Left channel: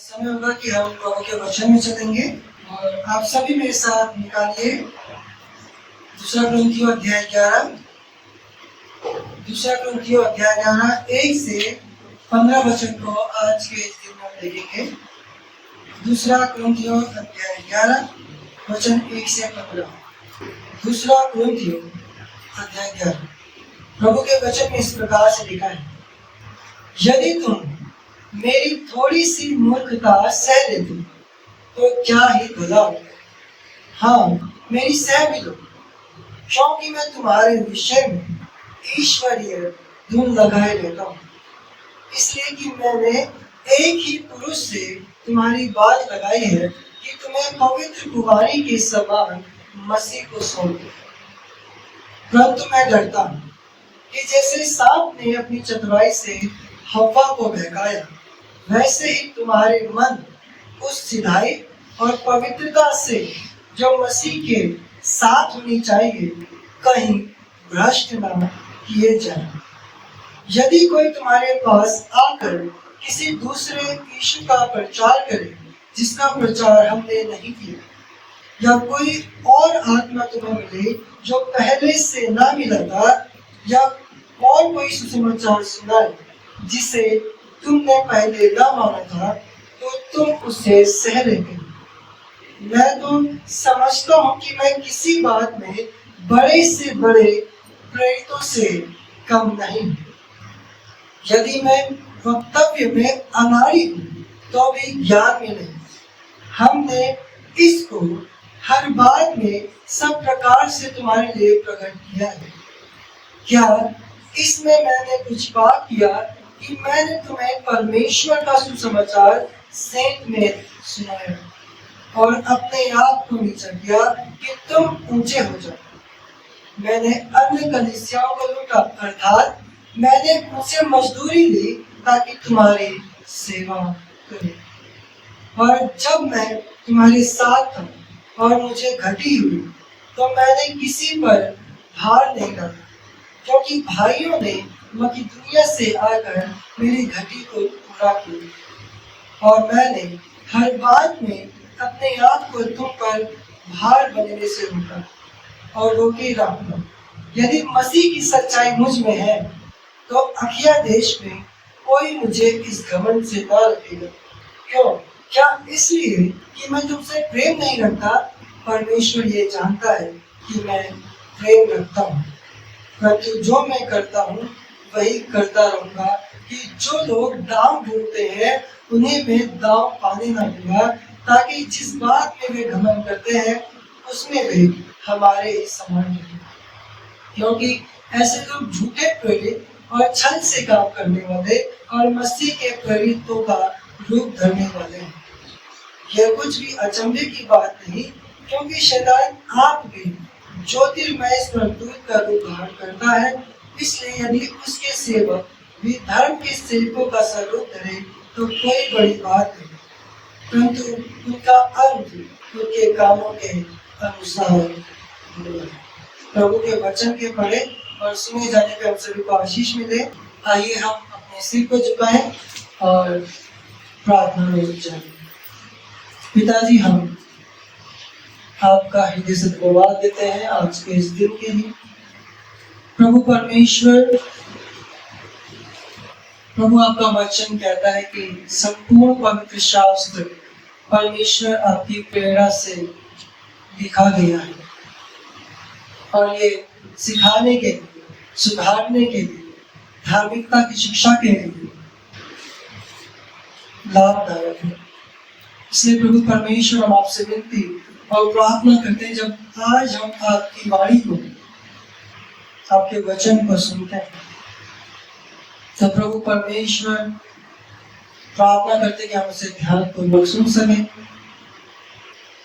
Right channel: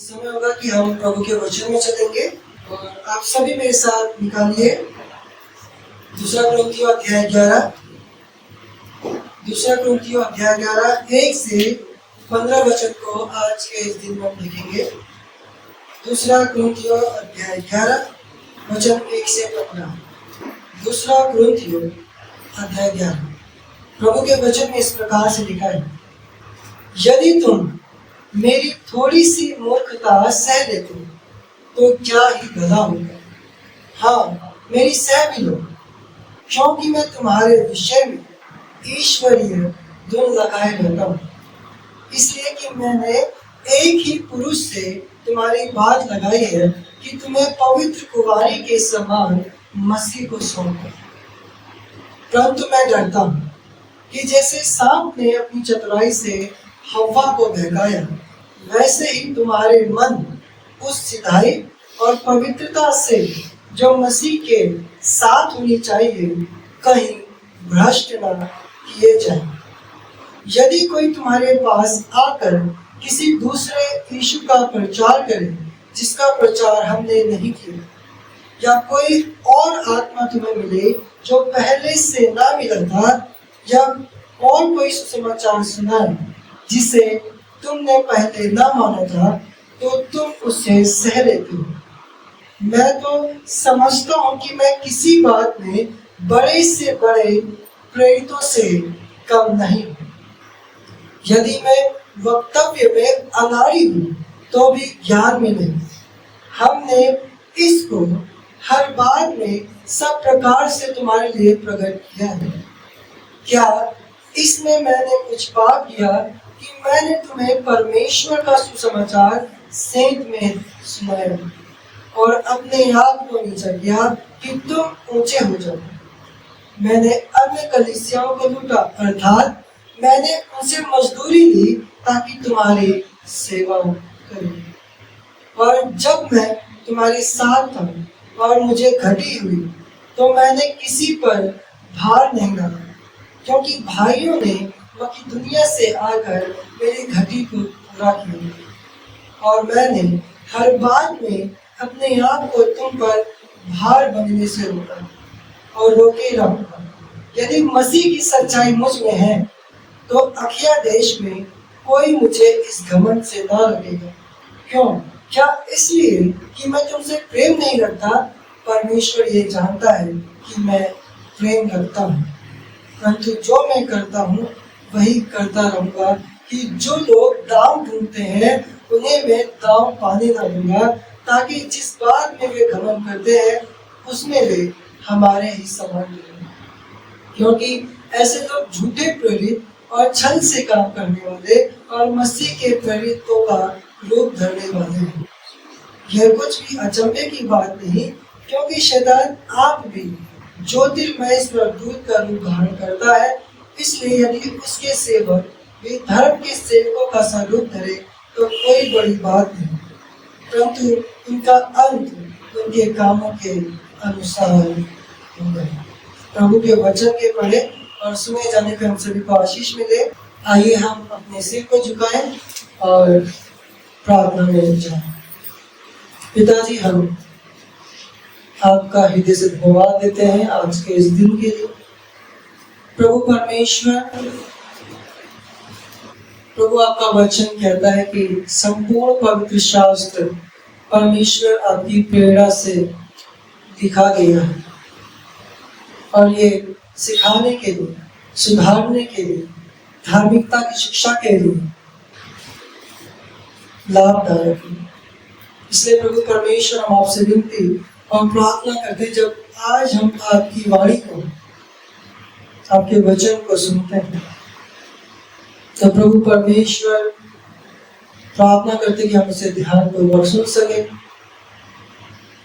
समय होगा कि हम प्रभु के वचन में चलेंगे और आप सभी मेरे साथ निकालिए दूसरा कुरिन्थियों अध्याय 11 1 से 15 वचन को आज के इस दिन में हम देखेंगे। दूसरा कुरिन्थियों अध्याय 11 वचन 1 से 15। दूसरा कुरिन्थियों अध्याय 11 प्रभु के वचन में इस प्रकार से लिखा है, यदि तुम मेरी थोड़ी सी मूर्खता सह लेते तो क्या ही भला होगा। हाँ, मेरी सह भी लो, क्योंकि मैं तुम्हारे विषय में ईश्वरीय धुन लगाए रहता हूँ, इसलिए कि मैंने एक ही पुरुष से तुम्हारी बात लगाई है कि तुम्हें पवित्र कुंवारी के समान मसीह को सौंपो। परंतु मैं डरता हूँ कि जैसे सांप ने अपनी चतुराई से हव्वा को बहकाया, वैसे ही तुम्हारे मन उस सिधाई और पवित्रता से जो मसीह के साथ होनी चाहिए कहीं भ्रष्ट न किए जाएं। यदि कोई तुम्हारे पास आकर किसी दूसरे यीशु का प्रचार करे जिसका प्रचार हमने नहीं किया, या कोई और आत्मा तुम्हें मिले जो पहले से ना मिला था, या और कोई सुसमाचार सुनाए जिसे तुमने पहले ना माना था, तो तुम उससे सह लेते हो। मैं तो समझता हूँ कि मैं किसी बात में बड़े से बड़े प्रेरितों से कम नहीं। यदि मैं वक्तव्य में अनाड़ी हूँ तो भी ज्ञान में नहीं। हमने इसको हर बात में सब प्रकार से तुम्हारे लिए प्रकट किया है। क्या इसमें मैंने कुछ पाप किया कि मैंने तुम्हें परमेश्वर का सुसमाचार सेंध में सुनाया और अपने आप को नीचा किया कि तुम ऊंचे हो जाओ। मैंने अन्य कलीसियाओं को लूटा, अर्थात मैंने उनसे मजदूरी ली ताकि तुम्हारी सेवा करूं। और जब मैं तुम्हारे साथ था और मुझे घटी हुई तो मैंने किसी पर भार नहीं डाला, क्योंकि भाइयों ने मकिदुनिया से आकर मेरी घटी को पूरा किया। और मैंने हर बात में अपने आप को तुम पर भार बनने से रोका और रोके रहूंगा। यदि मसीह की सच्चाई मुझ में है तो अखिया देश में कोई मुझे इस घमंड से ना रोकेगा। क्यों? क्या इसलिए कि मैं तुमसे प्रेम नहीं रखता? परमेश्वर ये जानता है कि मैं प्रेम रखता हूँ। परंतु जो मैं करता हूँ वही करता रहूँगा कि जो लोग दांव ढूंढते हैं उन्हें मैं दांव पाने न दूंगा, ताकि जिस बात में वे घमंड करते हैं उसमें वे हमारे ही समान हों। क्योंकि ऐसे लोग झूठे प्रेरित और छल से काम करने वाले और मसीह के प्रेरितों का रूप धरने वाले हैं। यह कुछ भी अचंभे की बात नहीं, क्योंकि शैतान आप भी ज्योतिर्मय स्वर्गदूत का रूप धारण करता है। इसलिए यदि उसके सेवक भी धर्म के सेवकों का स्वरूप धरे तो कोई बड़ी बात नहीं, परंतु उनका अंत उनके कामों के अनुसार होगा। प्रभु के वचन के पढ़े और सुने जाने पे हम सभी को आशीष मिले। आइए हम अपने सिर को झुकाएं और प्रार्थना में लग जाएं। पिताजी, हम आपका हृदय से धन्यवाद देते हैं आज के इस दिन के लिए। प्रभु परमेश्वर, प्रभु आपका वचन कहता है कि संपूर्ण पवित्र शास्त्र परमेश्वर आपकी प्रेरणा से लिखा गया है और ये सिखाने के लिए, सुधारने के लिए, धार्मिकता की शिक्षा के लिए लाभदायक है। इसलिए प्रभु परमेश्वर, हम आपसे विनती और प्रार्थना करते हैं, जब आज हम आपकी वाणी को, आपके वचन को सुनते हैं, तो प्रभु परमेश्वर प्रार्थना करते कि हम उसे ध्यानपूर्वक सुन सके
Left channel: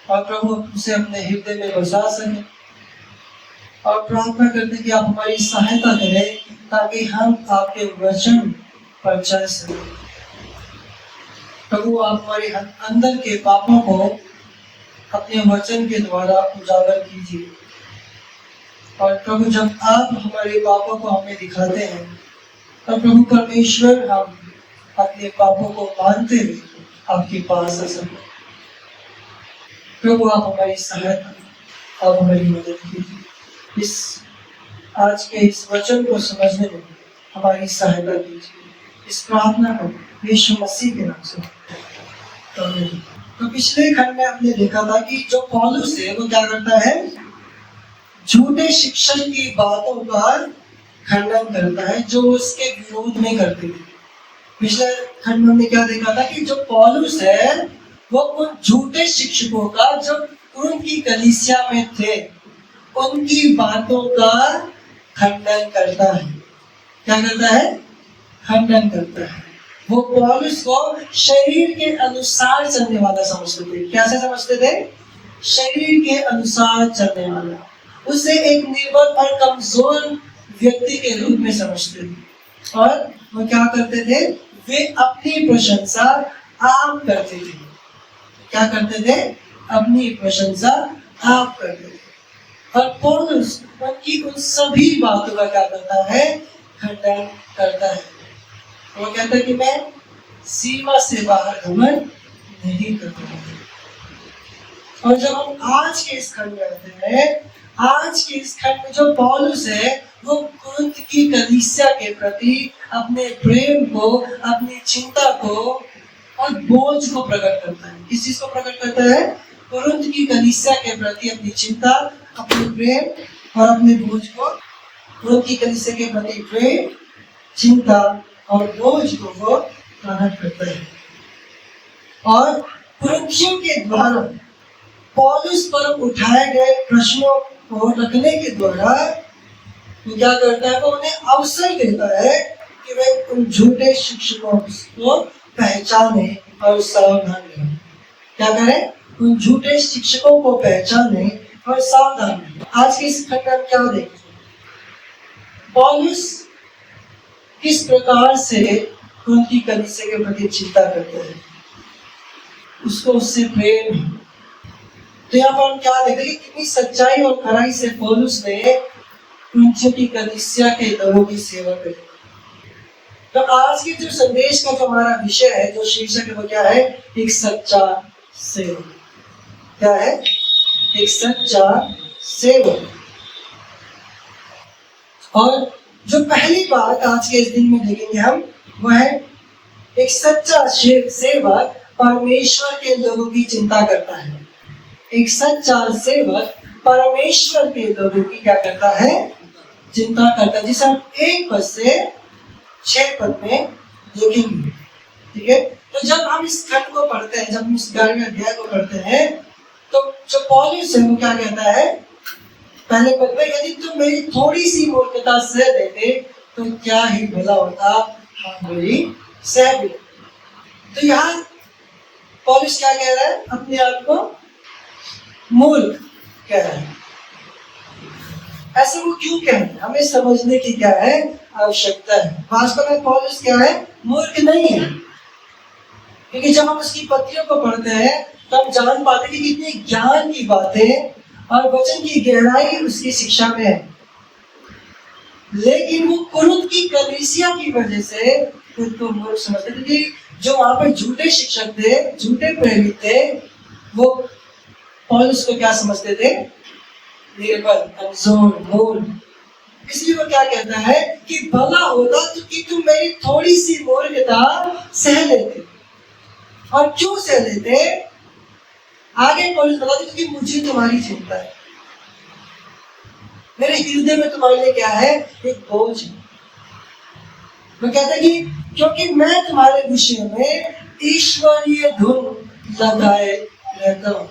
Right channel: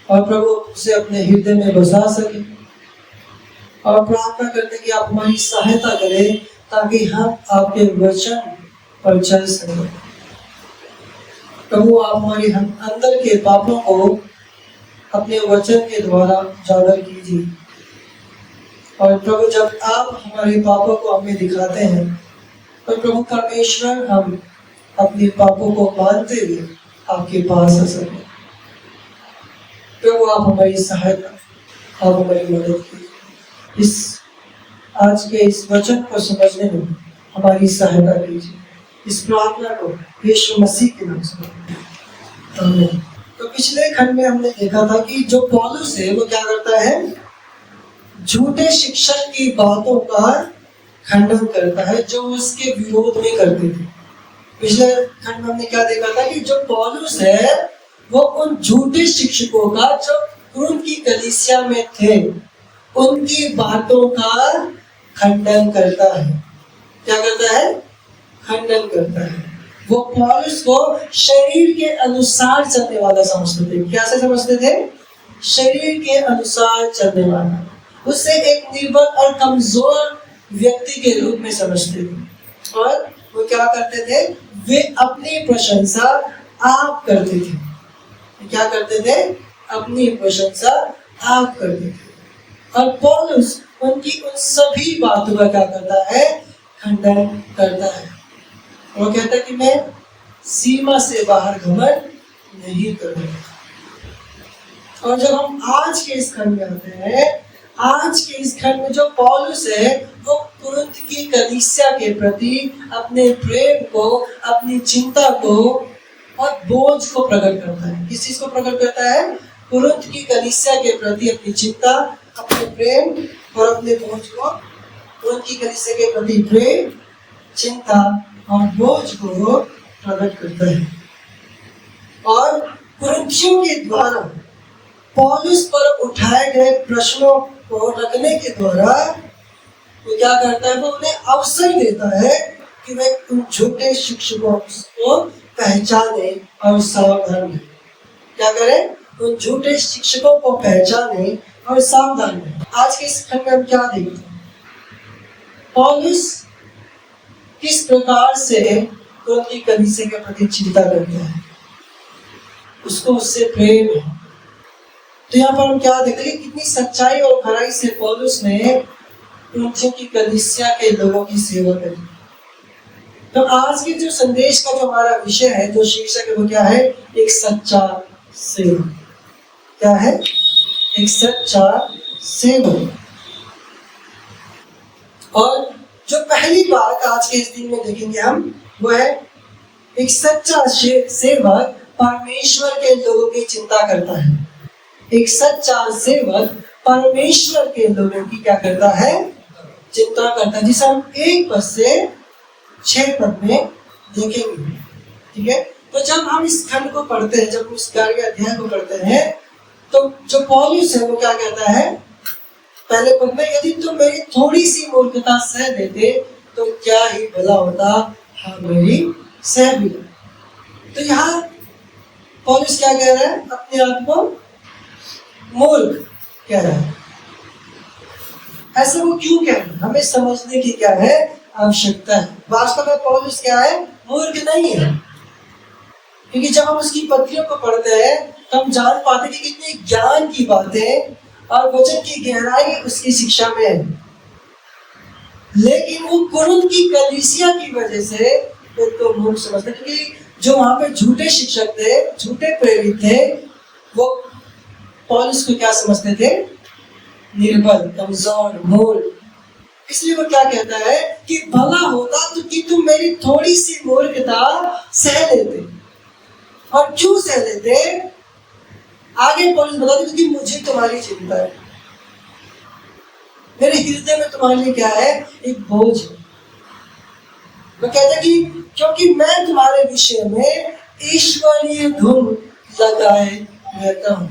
और प्रभु उसे अपने हृदय में बसा सके। और प्रार्थना करते कि आप हमारी सहायता करें ताकि हम आपके वचन पर चल सकें। प्रभु, आप हमारे अंदर के पापों को अपने वचन के द्वारा उजागर कीजिए। और प्रभु, जब आप हमारे पापों को हमें दिखाते हैं तो प्रभु परमेश्वर, हम अपने पापों को मानते हुए आपके पास आ सके। प्रभु आप हमारी सहायता और हमारी मदद कीजिए। इस आज के इस वचन को समझने में हमारी सहायता कीजिए। इस प्रार्थना को यीशु मसीह के नाम से आमीन। तो पिछले खंड में हमने देखा था कि जो पौलुस है वो क्या करता है, झूठे शिक्षक की बातों का खंडन करता है जो उसके विरोध में करते थे। पिछले खंड में हमने क्या देखा था कि जो पौलुस है वो उन झूठे शिक्षकों का जो कुरिन्थ की कलीसिया में थे उनकी बातों का खंडन करता है। क्या करता है? खंडन करता है। वो पौलुस को शरीर के अनुसार चलने वाला समझते थे। क्या से समझते थे? शरीर के अनुसार चलने वाला। उसे एक निर्बल और कमजोर व्यक्ति के रूप में समझते थे और वो क्या करते थे, वे अपनी प्रशंसा आप करते थे। क्या करते थे? अपनी प्रशंसा आप करते थे। और पौलुस उनकी उन सभी बातों का क्या करता है? खंडन करता है। वो कहता है कि मैं सीमा से बाहर घमंड नहीं करूंगा। और जब हम आज के इस खंड में आते हैं, आज के इस खंड में जो पौलुस है वो कुरिन्थ की कलीसिया के प्रति अपने प्रेम को, अपनी चिंता को और बोझ को प्रकट करता है। किस चीज को प्रकट करता है? कुरिन्थ की कलीसिया के प्रति अपनी चिंता, अपने प्रेम और अपने बोझ को, कुरिन्थ की कलीसिया के प्रति प्रेम, चिंता और बोझ को वो प्रकट करता है। और कुरिन्थियों के द्वारा पौलुस पर उठाए गए प्रश्नों को रखने के द्वारा वो क्या करता है, वो उन्हें अवसर देता है कि वे उन झूठे शिक्षकों को पहचाने और सावधान रहें। क्या करें? उन झूठे शिक्षकों को पहचाने और सावधान रहें। आज के इस खंड में हम क्या देखते हैं? पौलुस किस प्रकार से उनकी कलीसिया के प्रति चिंता करते हैं, उसको उससे प्रेम है। तो यहाँ पर हम क्या देखते हैं कि कितनी सच्चाई और खराई से पौलुस ने उनकी कलीसिया के लोगों की सेवा करी। तो आज के जो संदेश का जो हमारा विषय है, जो शीर्षक है, वो क्या है? एक सच्चा सेवक। क्या है? एक सच्चा सेवक। और जो पहली बात आज के इस दिन में देखेंगे हम, वो है एक सच्चा सेवक परमेश्वर के लोगों की चिंता करता है। एक सच्चा सेवक परमेश्वर के लोगों की क्या करता है? चिंता करता है, जिसे हम 1 पद से 6 पद में देखेंगे। ठीक है? तो जब हम इस खंड को पढ़ते हैं, जब हम इस 11वें अध्याय को पढ़ते हैं, तो जो पौलुस है वो क्या कहता है पहले पद में, यदि तुम मेरी थोड़ी सी मूर्खता सह देते तो क्या ही भला होता, हाँ मेरी सह भी। तो यहाँ पौलुस क्या कह रहा है? अपने आप को मूर्ख कह रहा है। ऐसा वो क्यों कह रहा है? हमें समझने की क्या है? आवश्यकता है। वास्तव में पौलुस क्या है? मूर्ख नहीं है। क्योंकि जब हम उसकी पत्रियों को पढ़ते हैं तो हम जान पाते कि कितनी ज्ञान की बातें और वचन की गहराई उसकी शिक्षा में है। लेकिन वो कुरिन्थ की कलीसिया की वजह से खुद को मूर्ख समझते, क्योंकि जो वहां पर झूठे शिक्षक थे, झूठे प्रेरित थे, वो पौलुस को क्या समझते थे? निर्बल, कमजोर, मूर्ख। इसलिए वो क्या कहता है कि भला होता तो कि तुम मेरी थोड़ी सी मूर्खता सह लेते। और क्यों सह लेते? आगे पौलुस बताते, क्योंकि मुझे तुम्हारी चिंता है, मेरे हृदय में तुम्हारे लिए क्या है? एक बोझ है। वो कहता है कि क्योंकि मैं तुम्हारे विषय में ईश्वरीय धुन लगाए रहता हूं।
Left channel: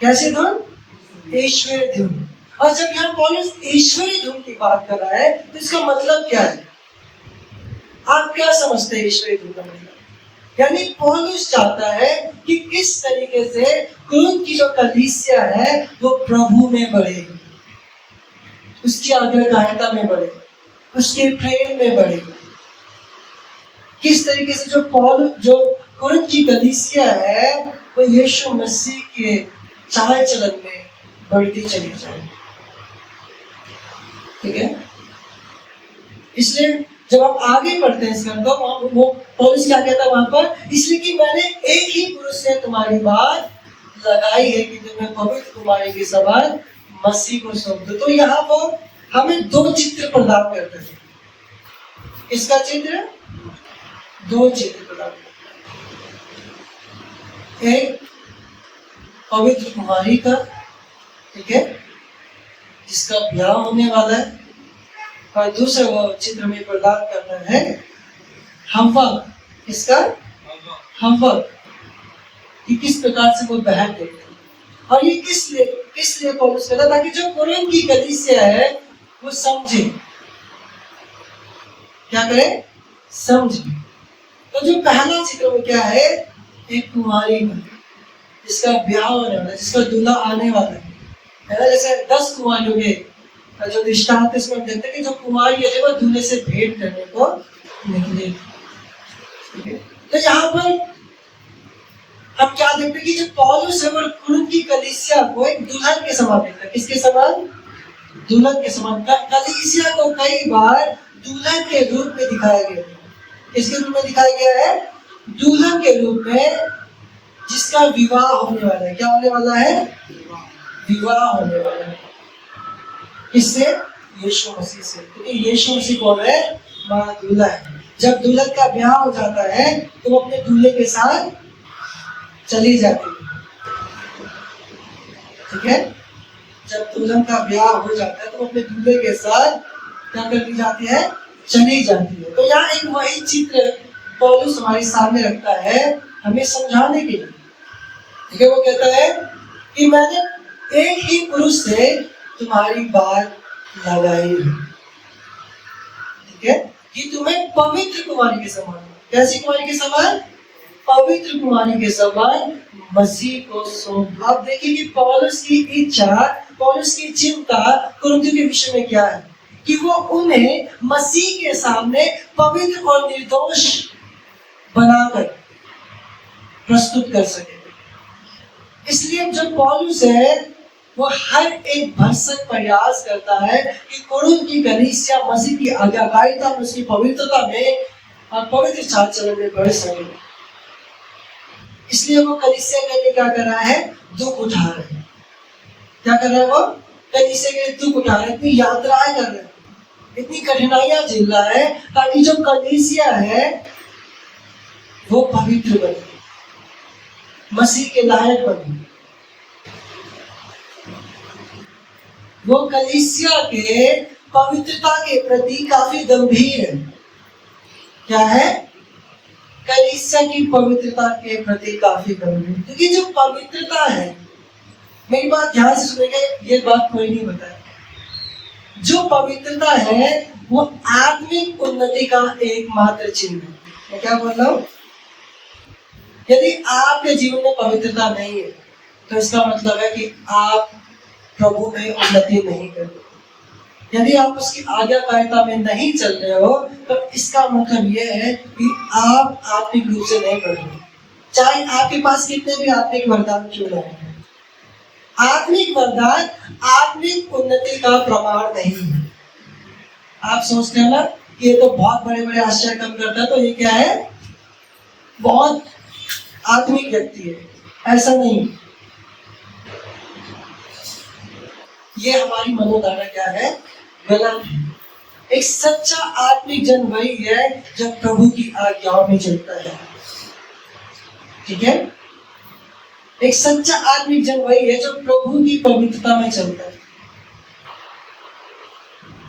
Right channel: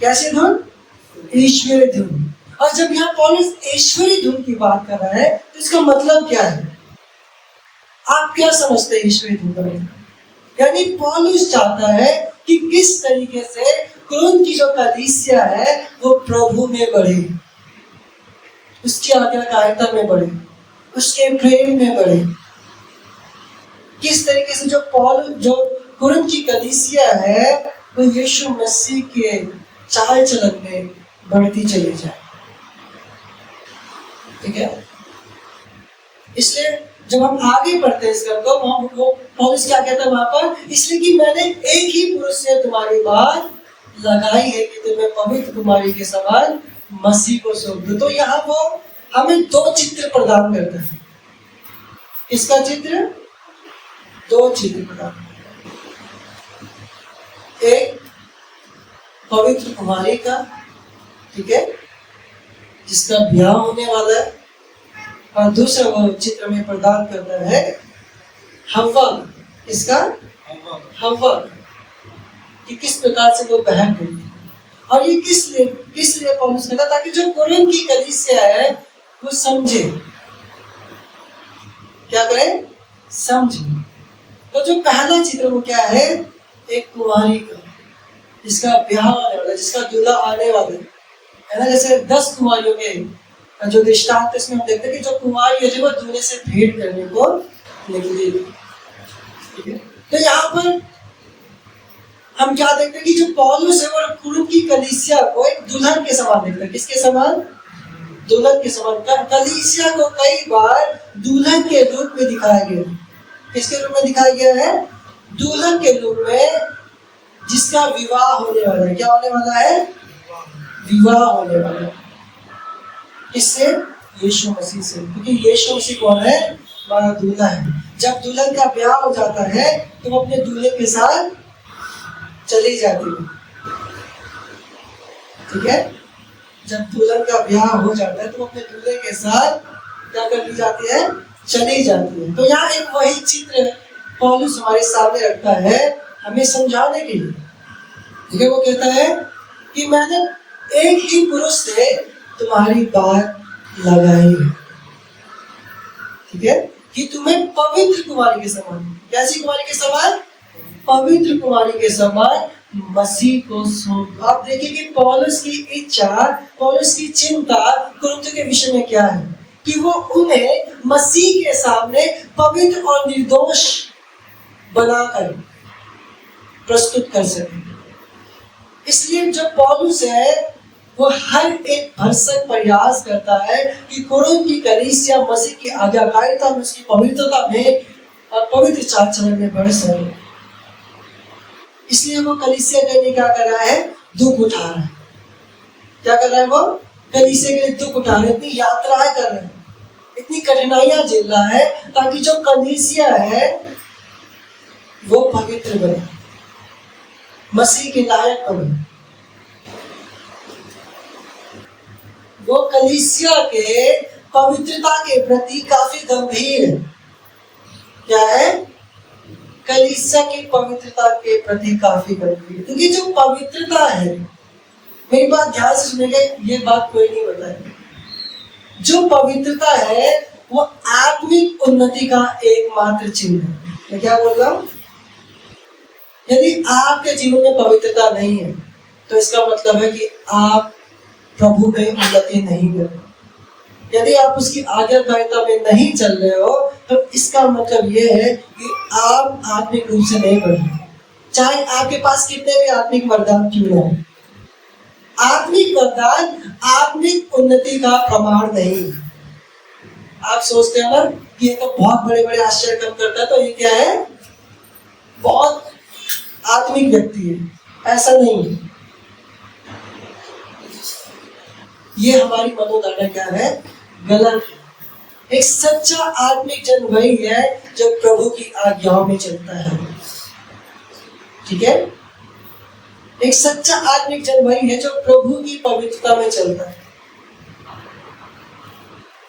कैसी धुन? ईश्वरीय धुन। और जब यहाँ पौलुस ईश्वरीय धुन की बात कर रहा है तो इसका मतलब क्या है? आप क्या समझते हैं ईश्वरीय धुन का मतलब? यानी पौलुस चाहता है कि किस तरीके से कुरिन्थ की जो कलीसिया है वो प्रभु में बढ़े, उसकी आज्ञाकारिता में बढ़े, उसके प्रेम में बढ़े। किस तरीके से जो कुरिन्थ की कलीसिया है वो यीशु मसीह के चाल चलन में बढ़ती चली जाए। ठीक है? इसलिए जब हम आगे पढ़ते हैं इसका तो वो पौलुस क्या कहता है वहां पर, इसलिए कि मैंने एक ही पुरुष से तुम्हारी बात लगाई है कि तुम्हें पवित्र कुमारी के समान मसीह को सौंप दो। तो यहाँ वो हमें दो चित्र प्रदान करता है। इसका चित्र, दो चित्र प्रदान करता है। एक पवित्र कुमारी का, ठीक है, जिसका ब्याह होने वाला है, और दूसरा वो चित्र में प्रदान करता है हव्वा। इसका हव्वा कि किस प्रकार से वो बहन गई। और ये किस लिए पौलुस कहता, ताकि जो कुरिन्थ की कलीसिया है वो समझे। क्या करे? समझे। तो जो पहला चित्र वो क्या है? एक कुंवारी का, जिसका ब्याह होने वाला है, जिसका दूल्हा आने वाला है ना। जैसे 10 कुंवारियों के जो दृष्टांत है, इसमें हम देखते हैं कि जो कुंवारी है वो दूल्हे से भेंट करने को निकली। ठीक है, तो यहाँ पर हम क्या देखते हैं कि जो पौलुस है वो कुरिन्थ की कलीसिया को एक दुल्हन के समान देखता है। किसके समान? दुल्हन के समान। कलीसिया को कई बार दुल्हन के रूप में दिखाया गया है। किसके रूप में दिखाया गया है? दुल्हन के रूप में, जिसका विवाह होने वाला है। क्या होने वाला है? विवाह होने वाला है। किससे? यीशु मसीह से। क्योंकि यीशु मसीह कौन है? हमारा दूल्हा है। जब दुल्हन का ब्याह हो जाता है तो वो अपने दूल्हे के साथ चली जाती है। ठीक है, जब दुल्हन का ब्याह हो जाता है तो वो अपने दूल्हे के साथ क्या कर ली जाती है? चली जाती है। तो यहाँ एक वही चित्र पौलुस हमारे सामने रखता है हमें समझाने के लिए। ठीक है, वो कहता है कि मैंने एक ही पुरुष से तुम्हारी बात लगाई है। ठीक है, कि तुम्हें पवित्र कुमारी के समान, कैसी कुमारी के समान? पवित्र कुमारी के समान मसीह को सौंप। आप देखिए कि पौलुस की इच्छा, पौलुस की चिंता कुरिन्थियों के विषय में क्या है, कि वो उन्हें मसीह के सामने पवित्र और निर्दोष बनाकर प्रस्तुत कर सके। इसलिए जो पौलुस है वो हर एक भरसक प्रयास करता है कि कुरिन्थ की कलीसिया मसीह की आज्ञाकारिता में, उसकी पवित्रता में और पवित्र चाल चलन में बढ़ सके। इसलिए वो कलीसिया के लिए क्या कर रहा है? दुख उठा रहा है। क्या कर रहा है वो? कलीसिया के लिए दुख उठा रहा है, इतनी यात्राएं कर रहा है, इतनी कठिनाइयां झेल रहा है, ताकि जो कलीसिया है वो पवित्र बने, मसीह के लायक बने। वो कलीसिया के पवित्रता के प्रति काफी गंभीर है। क्या है? कलीसिया की पवित्रता के प्रति काफी गंभीर। क्योंकि जो पवित्रता है, मेरी बात ध्यान से सुनेंगे, ये बात कोई नहीं बताएगा। जो पवित्रता है वो आत्मिक उन्नति का एकमात्र चिन्ह है। मैं क्या बोल रहा हूँ? यदि आपके जीवन में पवित्रता नहीं है तो इसका मतलब है कि आप प्रभु में उन्नति नहीं कर रहे। यदि आप उसकी आज्ञाकारिता में नहीं चल रहे हो तो इसका मतलब यह है कि आप आत्मिक रूप से नहीं बढ़ रहे, चाहे आपके पास कितने भी आत्मिक वरदान क्यों न हो। आत्मिक वरदान आत्मिक उन्नति का प्रमाण नहीं है। आप सोचते हैं ना कि ये तो बहुत बड़े बड़े आश्चर्य काम करता है, तो ये क्या है? बहुत आत्मिक व्यक्ति है। ऐसा नहीं है। ये हमारी मनोधारणा क्या है? गलत है। एक सच्चा आत्मिक जन वही है जो प्रभु की आज्ञाओं में चलता है। ठीक है, एक सच्चा आत्मिक जन वही है जो प्रभु की पवित्रता में चलता है।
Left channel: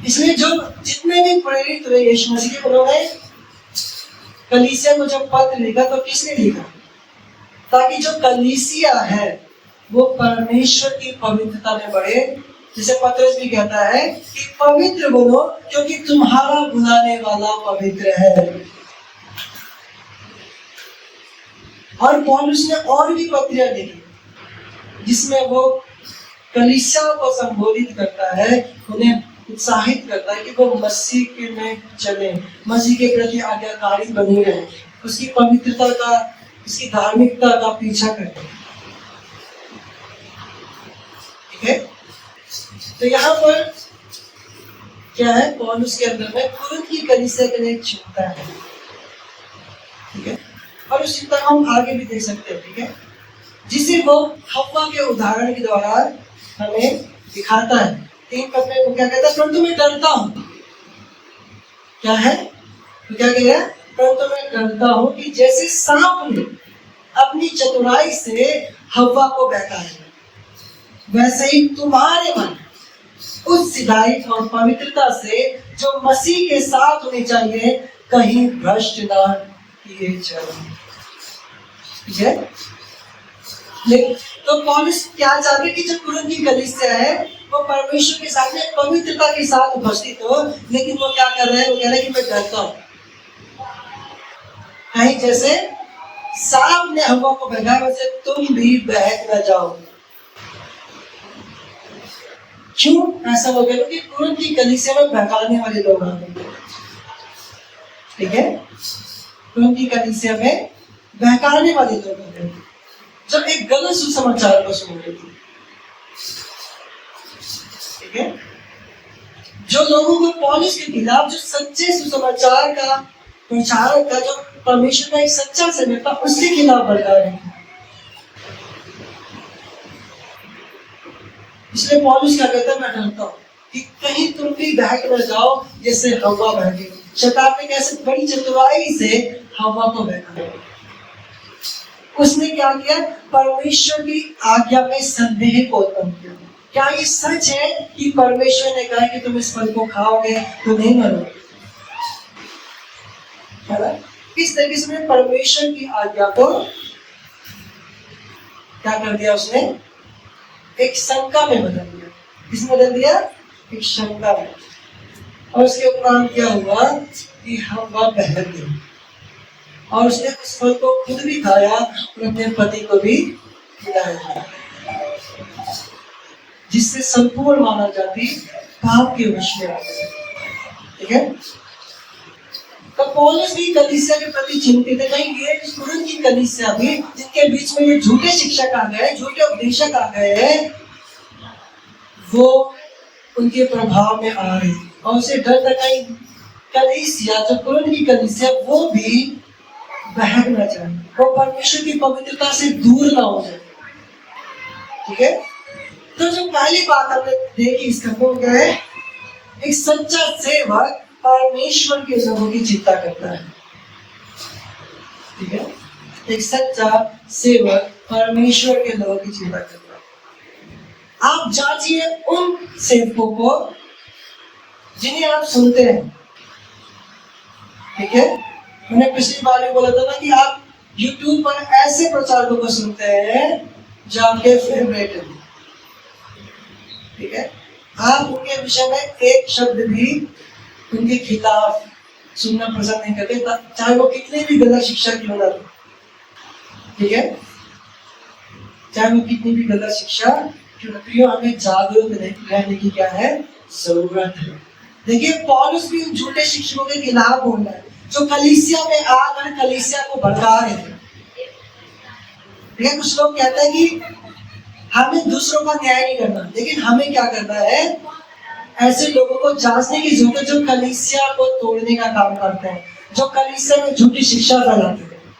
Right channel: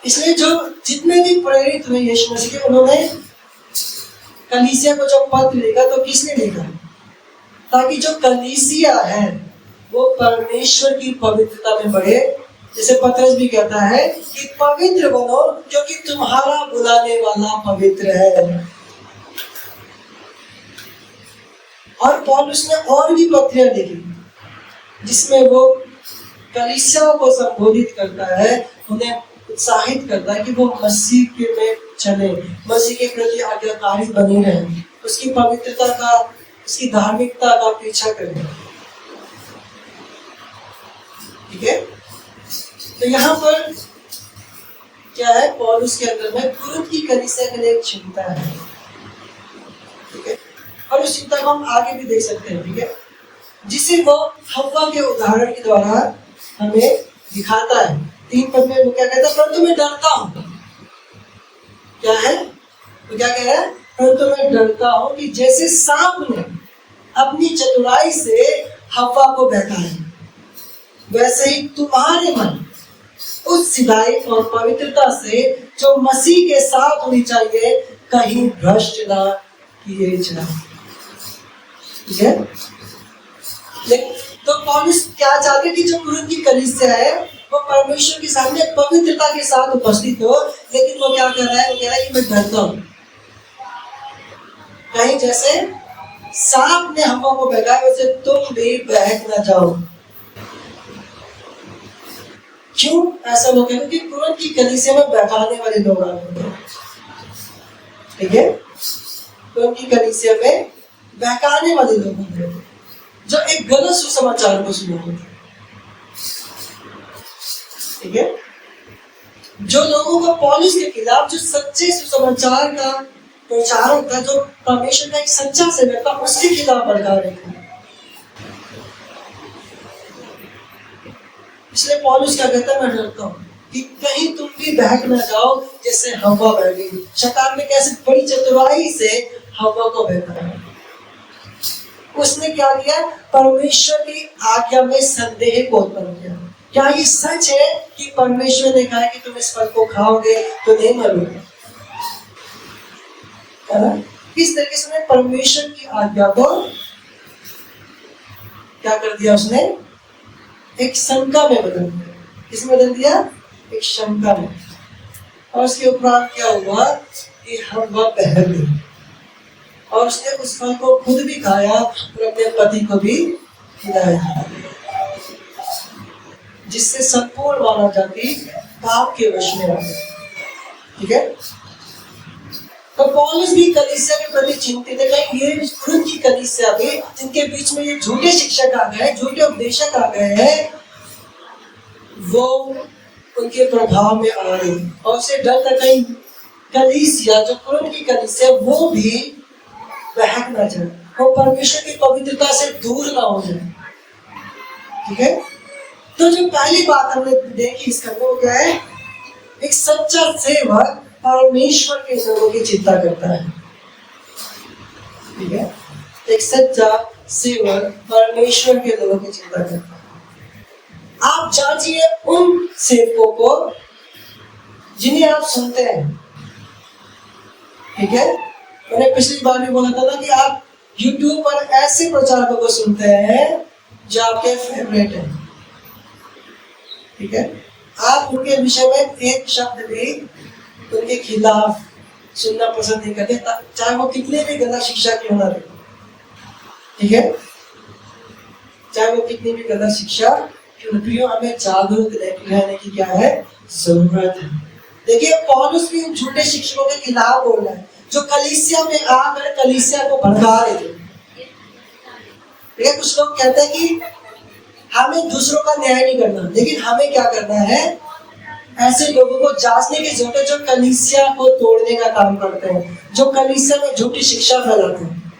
इसलिए जो जितने भी प्रेरित हुए यीशु मसीह के, उन्होंने कलीसिया को जब पत्र लिखा तो किसने लिखा? ताकि जो कलीसिया है वो परमेश्वर की पवित्रता में बढ़े। जैसे पतरस भी कहता है कि पवित्र बनो क्योंकि तुम्हारा बुलाने वाला पवित्र है। और पौलुस ने और भी पत्रियां लिखी जिसमें वो कलीसिया को संबोधित करता है, उन्हें उत्साहित करता है कि वो मसीह के में चले, मसीह के प्रति आज्ञाकारी बने रहें, उसकी पवित्रता का, उसकी धार्मिकता का पीछा करें। ठीक है, तो यहाँ पर क्या है पौलुस के अंदर में कुरिन्थ की कलीसिया के लिए एक चिंता है, ठीक है। और उस चिंता को हम आगे भी देख सकते हैं, ठीक है, जिसे वो हव्वा के उदाहरण के द्वारा हमें दिखाता है। 3 पद में वो क्या कहता है, परंतु मैं डरता हूं, क्या है वो क्या कह रहा है, परंतु मैं डरता हूं कि जैसे सांप ने अपनी चतुराई से हव्वा को बहकाया, वैसे ही तुम्हारे मन उस सिधाई और पवित्रता से जो मसीह के साथ होनी चाहिए कहीं भ्रष्ट ना किए जाए, ठीक है। लेकिन तो पौलुस क्या चाहते कि जो कुरिन्थ की कलीसिया है वो परमेश्वर के सामने पवित्रता के साथ उपस्थित हो, लेकिन वो क्या कर रहा है, वो कह रहा है कि मैं डरता हूं कहीं जैसे सांप ने हवा को बहकाया वैसे तुम भी बहक ना जाओ। क्यों ऐसा लोग है, क्योंकि कुरिन्थ की कलीसिया में बहकाने वाले लोग आ गए, ठीक है। कुरिन्थ की कलीसिया में बहकाने वाले लोग आ गए जो एक गलत सुसमाचार को सुन रहे थे, ठीक है। जो लोगों को पौलुस के खिलाफ जो सच्चे सुसमाचार का प्रचारक था, जो परमेश्वर का एक सच्चा सेवक था, उसके खिलाफ भड़का रहे थे। इसलिए पौलुस क्या कहता है, मैं डरता हूं कि कहीं तुम भी बहक न जाओ जैसे हवा बह गई। शैतान ने कैसे बड़ी चतुराई से हवा को बहकाया। उसने क्या किया, परमेश्वर की आज्ञा में संदेह को उत्पन्न किया। क्या ये सच है कि परमेश्वर ने कहा कि तुम इस फल को खाओगे तो नहीं मरोगे, है ना। इस तरीके से परमेश्वर की आज्ञा को क्या कर दिया, उसने एक शंका में बदल दिया। किसमें बदल दिया, एक शंका में। और उसके उपरांत क्या हुआ कि हवा बहक गई और उसने उस फल को खुद भी खाया और अपने पति को भी खिलाया, जिससे संपूर्ण मानव जाति पाप के वश में आ गई, ठीक है। तो पौलुस भी कलीसिया के प्रति चिंतित है, कहीं ये कुरिन्थ की कलीसिया भी जिनके बीच में ये झूठे शिक्षक आ गए, झूठे उपदेशक आ गए हैं, वो उनके प्रभाव में आ रहे और उसे डर था कहीं कलीसिया, जो कुरिन्थ की कलीसिया, वो भी बहक ना जाए, वो परमेश्वर की पवित्रता से दूर ना हो जाए, ठीक है। तो जो पहली बात हमने देखी इसका वो क्या है, एक सच्चा सेवक परमेश्वर के लोगों की चिंता करता है, ठीक है। एक सच्चा सेवक परमेश्वर के लोगों की चिंता करता है। आप जांचिए उन सेवकों को जिन्हें आप सुनते हैं, ठीक है। मैंने पिछली बार भी बोला था ना कि आप YouTube पर ऐसे प्रचारकों को सुनते हैं जो आपके फेवरेट हैं, ठीक है। आप उनके विषय में एक शब्द भी उनके खिलाफ सुनना पसंद नहीं करते, चाहे वो कितने भी गलत शिक्षा क्यों ना दे, ठीक है। चाहे वो कितनी भी गलत शिक्षा क्यों ना, प्रियो हमें जागरूक रहने की क्या है, जरूरत है। देखिए पौलुस भी उन झूठे शिक्षकों के खिलाफ बोल रहा है जो कलीसिया में आकर कलीसिया को भड़का रहे थे, ठीक है। कुछ लोग कहते हैं कि हमें दूसरों का न्याय नहीं करना, लेकिन हमें क्या करना है, ऐसे लोगों को जांचने की जरूरत है जो कलीसिया को तोड़ने का काम करते हैं, जो कलीसिया में झूठी शिक्षा फैलाते हैं।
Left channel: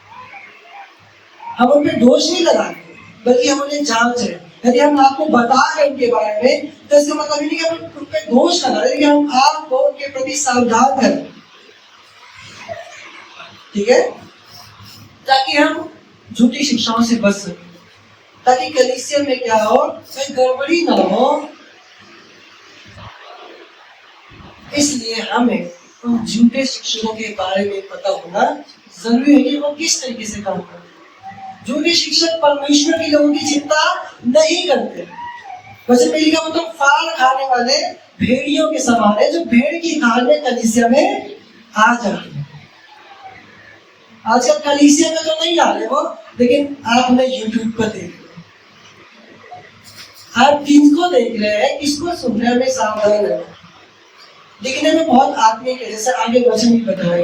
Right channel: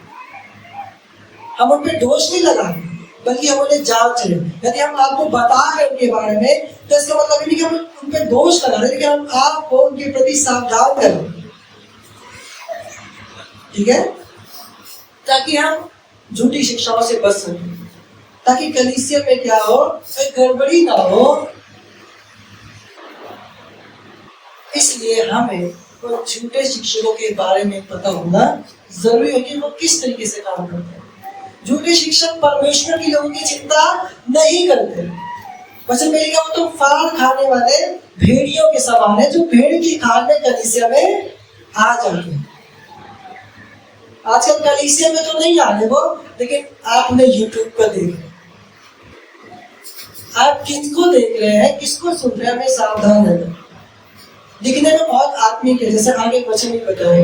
हम उन पे दोष नहीं लगा रहे, बल्कि हम उन्हें जांच रहे। यदि हम आपको बता रहे हैं उनके बारे में तो इसका मतलब नहीं कि हम उन पे दोष लगा रहे, लेकिन हम आपको उनके प्रति सावधान करें, ठीक है, ताकि हम झूठी शिक्षाओं से बच सकें, ताकि कलीसिया में क्या हो, कोई गड़बड़ी ना हो। इसलिए हमें उन झूठे शिक्षकों के बारे में पता होना जरूरी है कि वो किस तरीके से काम करते हैं। झूठे शिक्षक परमेश्वर के लोगों की चिंता नहीं करते। वचन में लिखा, वो तो फाड़ खाने वाले भेड़ियों के समान है जो भेड़ की खाल में कलीसिया में आ जाते हैं। आजकल कलीसिया में तो नहीं आ रहे वो, लेकिन आप उन्हें यूट्यूब पर देख रहे हैं। आप किसको देख रहे हैं, किसको सुन रहे हैं, हमें सावधान रहना। दिखने में बहुत आत्मिक है, जैसे आगे वचन ही बताए,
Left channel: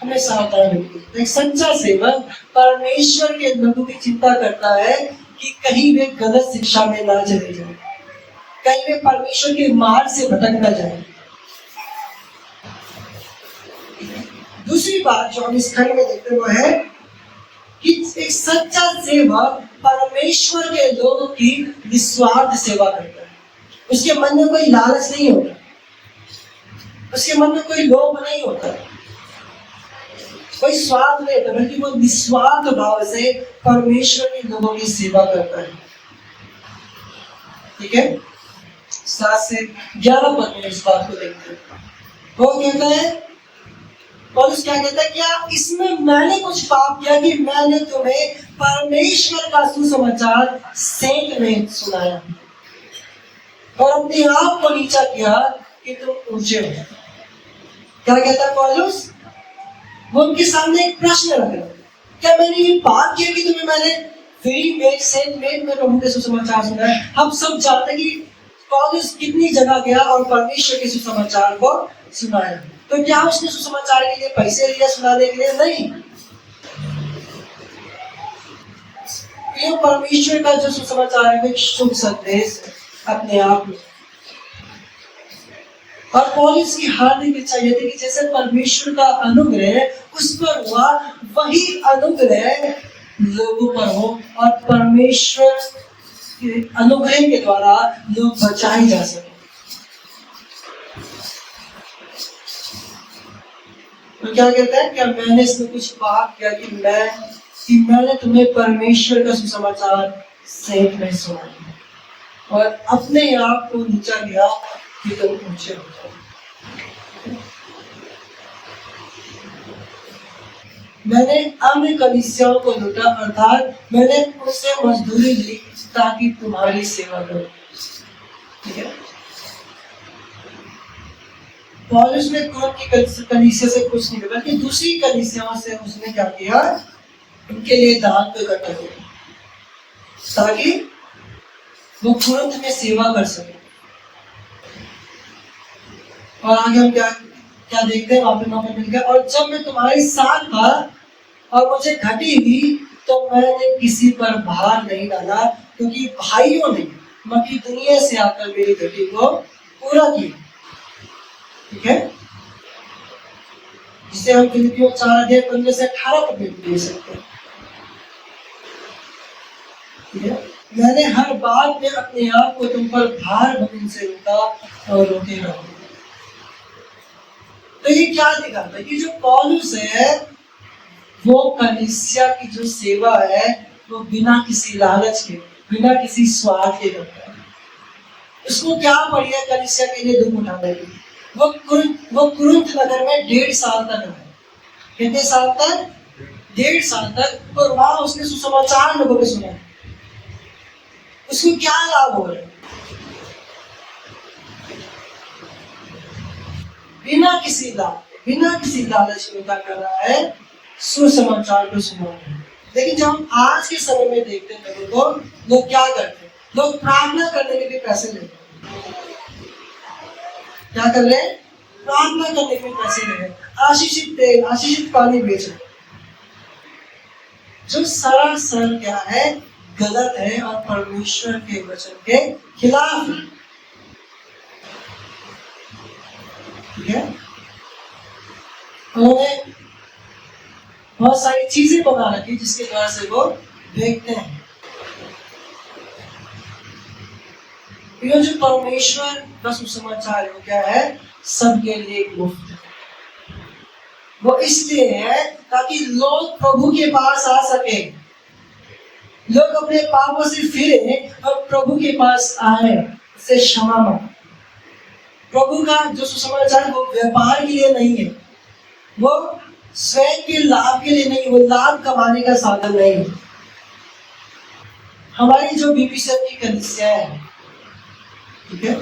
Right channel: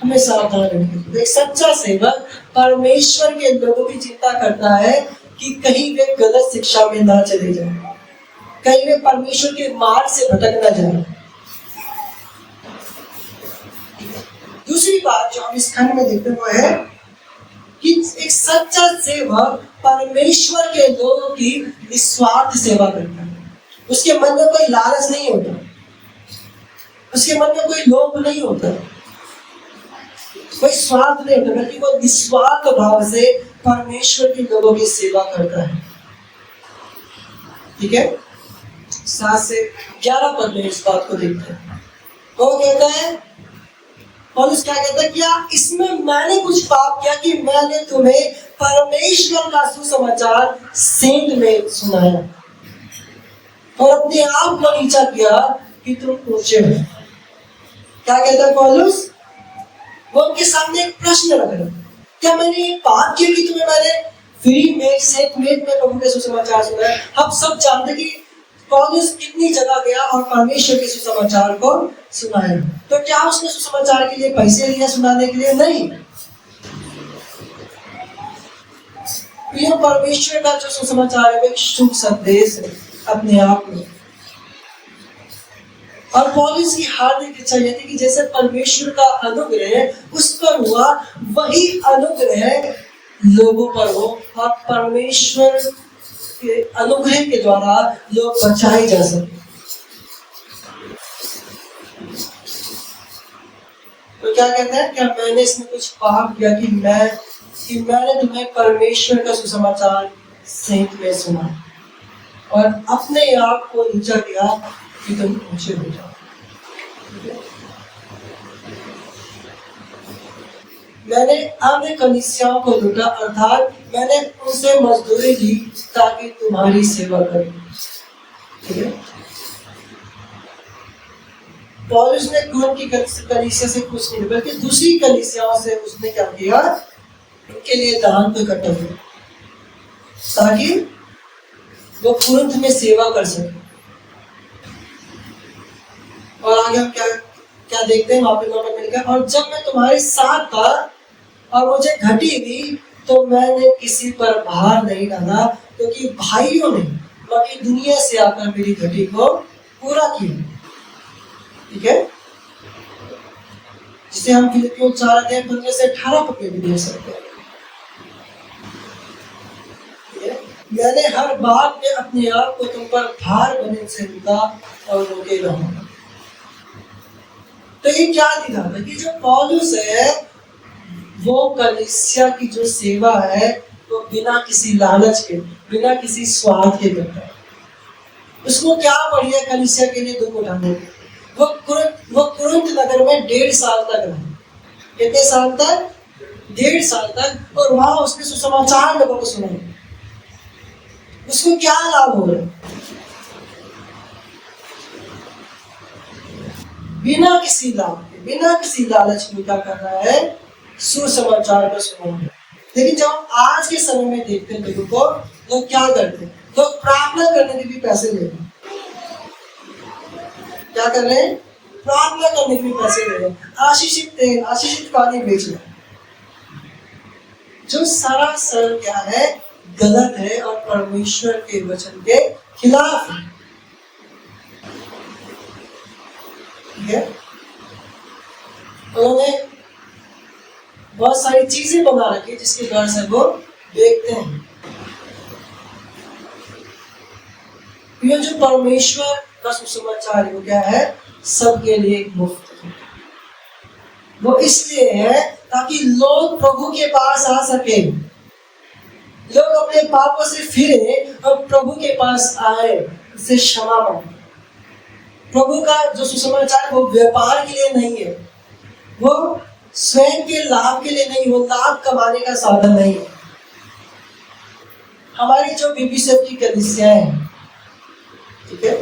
हमें सावधान रहना। एक सच्चा सेवक परमेश्वर के लोगों की चिंता करता है कि कहीं वे गलत शिक्षा में ना चले जाएं, कहीं वे परमेश्वर के मार्ग से भटक ना जाएं, दूसरी बात जो हम इस खंड में देखते हैं वो है कि एक सच्चा सेवक परमेश्वर के लोगों की निस्वार्थ सेवा करता है। उसके मन में कोई लालच नहीं होता, उसके मन में कोई लोभ नहीं होता, कोई स्वार्थ नहीं होता, बल्कि वो निस्वार्थ भाव से परमेश्वर के लोगों की सेवा करता है। ठीक है, 7 से 11 पद में इस बात को देखते हैं। वो कहता है, पौलुस क्या कहता है, क्या इसमें मैंने कुछ पाप किया कि मैंने तुम्हें परमेश्वर का सुसमाचार सेंत में सुनाया और अपने आप को नीचा किया कि तुम ऊंचे हो। क्या कहता है पौलुस? वो उनके सामने एक प्रश्न रख रहा है, क्या मैंने ये पाप किया कि तुम्हें मैंने फ्री में सेंट मेट में प्रभु के सुसमाचार सुनाया? हम सब जानते हैं कि पौलुस कितनी जगह गया और परमेश्वर के सुसमाचार को सुनाया। तो क्या उसने सुसमाचार के लिए पैसे लिया सुनाने के लिए? नहीं। ये परमेश्वर का जो सुसमाचार है वो एक शुभ संदेश है अपने आप में। और पौलुस की हार्दिक इच्छा यह थी कि जैसे परमेश्वर का अनुग्रह उस पर हुआ, वही अनुग्रह लोगों पर हो और परमेश्वर के अनुग्रह के द्वारा लोग बचाए जा सके। तो क्या कहते हैं, क्या मैंने इसमें कुछ पाप किया कि मैंने तुम्हें परमेश्वर का सुसमाचार सेंत में सुना और अपने आप को नीचा किया कि तुम ऊंचे हो जाओ। मैंने अन्य कलीसियाओं को लूटा, अर्थात मैंने उनसे मजदूरी ली ताकि तुम्हारी सेवा करूं। ठीक है, पौलुस ने कुरिन्थ की कलीसिया से कुछ नहीं, बल्कि दूसरी कलीसियाओं से उसने क्या किया, उनके लिए दान को इकट्ठा किया ताकि वो कुरिन्थ में सेवा कर सके। और आगे हम क्या देखते हैं, वहां पे मिल गया, और जब मैं तुम्हारे साथ था और मुझे घटी हुई तो मैंने किसी पर भार नहीं डाला, क्योंकि भाइयों ने बाकी दुनिया से आकर मेरी घटी को पूरा किया। ठीक है, जिसे हम फिलिपियों 4:15 से 18 पद में भी देख सकते हैं। ठीक है, मैंने हर बात में अपने आप को तुम पर भार बनने से रुका और रोके रहूंगा। तो ये क्या दिखाता है कि जो पौलुस है वो कलीसिया की जो सेवा है वो बिना किसी लालच के, बिना किसी स्वार्थ के करता है। उसको क्या पड़ी है कलीसिया के लिए दुख उठाने की। वो कुरिन्थ नगर में 1.5 साल तक रहा। कितने साल तक? 1.5 साल तक। और वहां उसने सुसमाचार लोगों को सुनाया। उसको क्या लाभ हो रहा है? बिना किसी लाभ के, बिना किसी लालच के क्या कर रहा है? सुसमाचार को सुना रहा है। लेकिन जब हम आज के समय में देखते हैं लोगों को, लोग क्या करते हैं? लोग प्रार्थना करने के भी पैसे लेते हैं। क्या कर रहे हैं? प्रार्थना करने के भी पैसे ले रहे हैं। आशीषित तेल, आशीषित पानी बेच रहे हैं, जो सरासर क्या है? गलत है और परमेश्वर के वचन के खिलाफ है। ठीक है, उन्होंने बहुत सारी चीजें बना रखी जिसके द्वारा से वो देखते हैं। ये जो परमेश्वर का सुसमाचार है वो क्या है? सबके लिए एक मुफ्त है। वो इसलिए है ताकि लोग प्रभु के पास आ सके, लोग अपने पापों से फिरे और प्रभु के पास आए, उससे क्षमा मांगे। प्रभु का जो सुसमाचार वो व्यापार के लिए नहीं है, वो स्वयं के लाभ के लिए नहीं, वो लाभ कमाने का साधन नहीं है। हमारी जो बीपीसीएफ की कलीसियाएं हैं, ठीक है,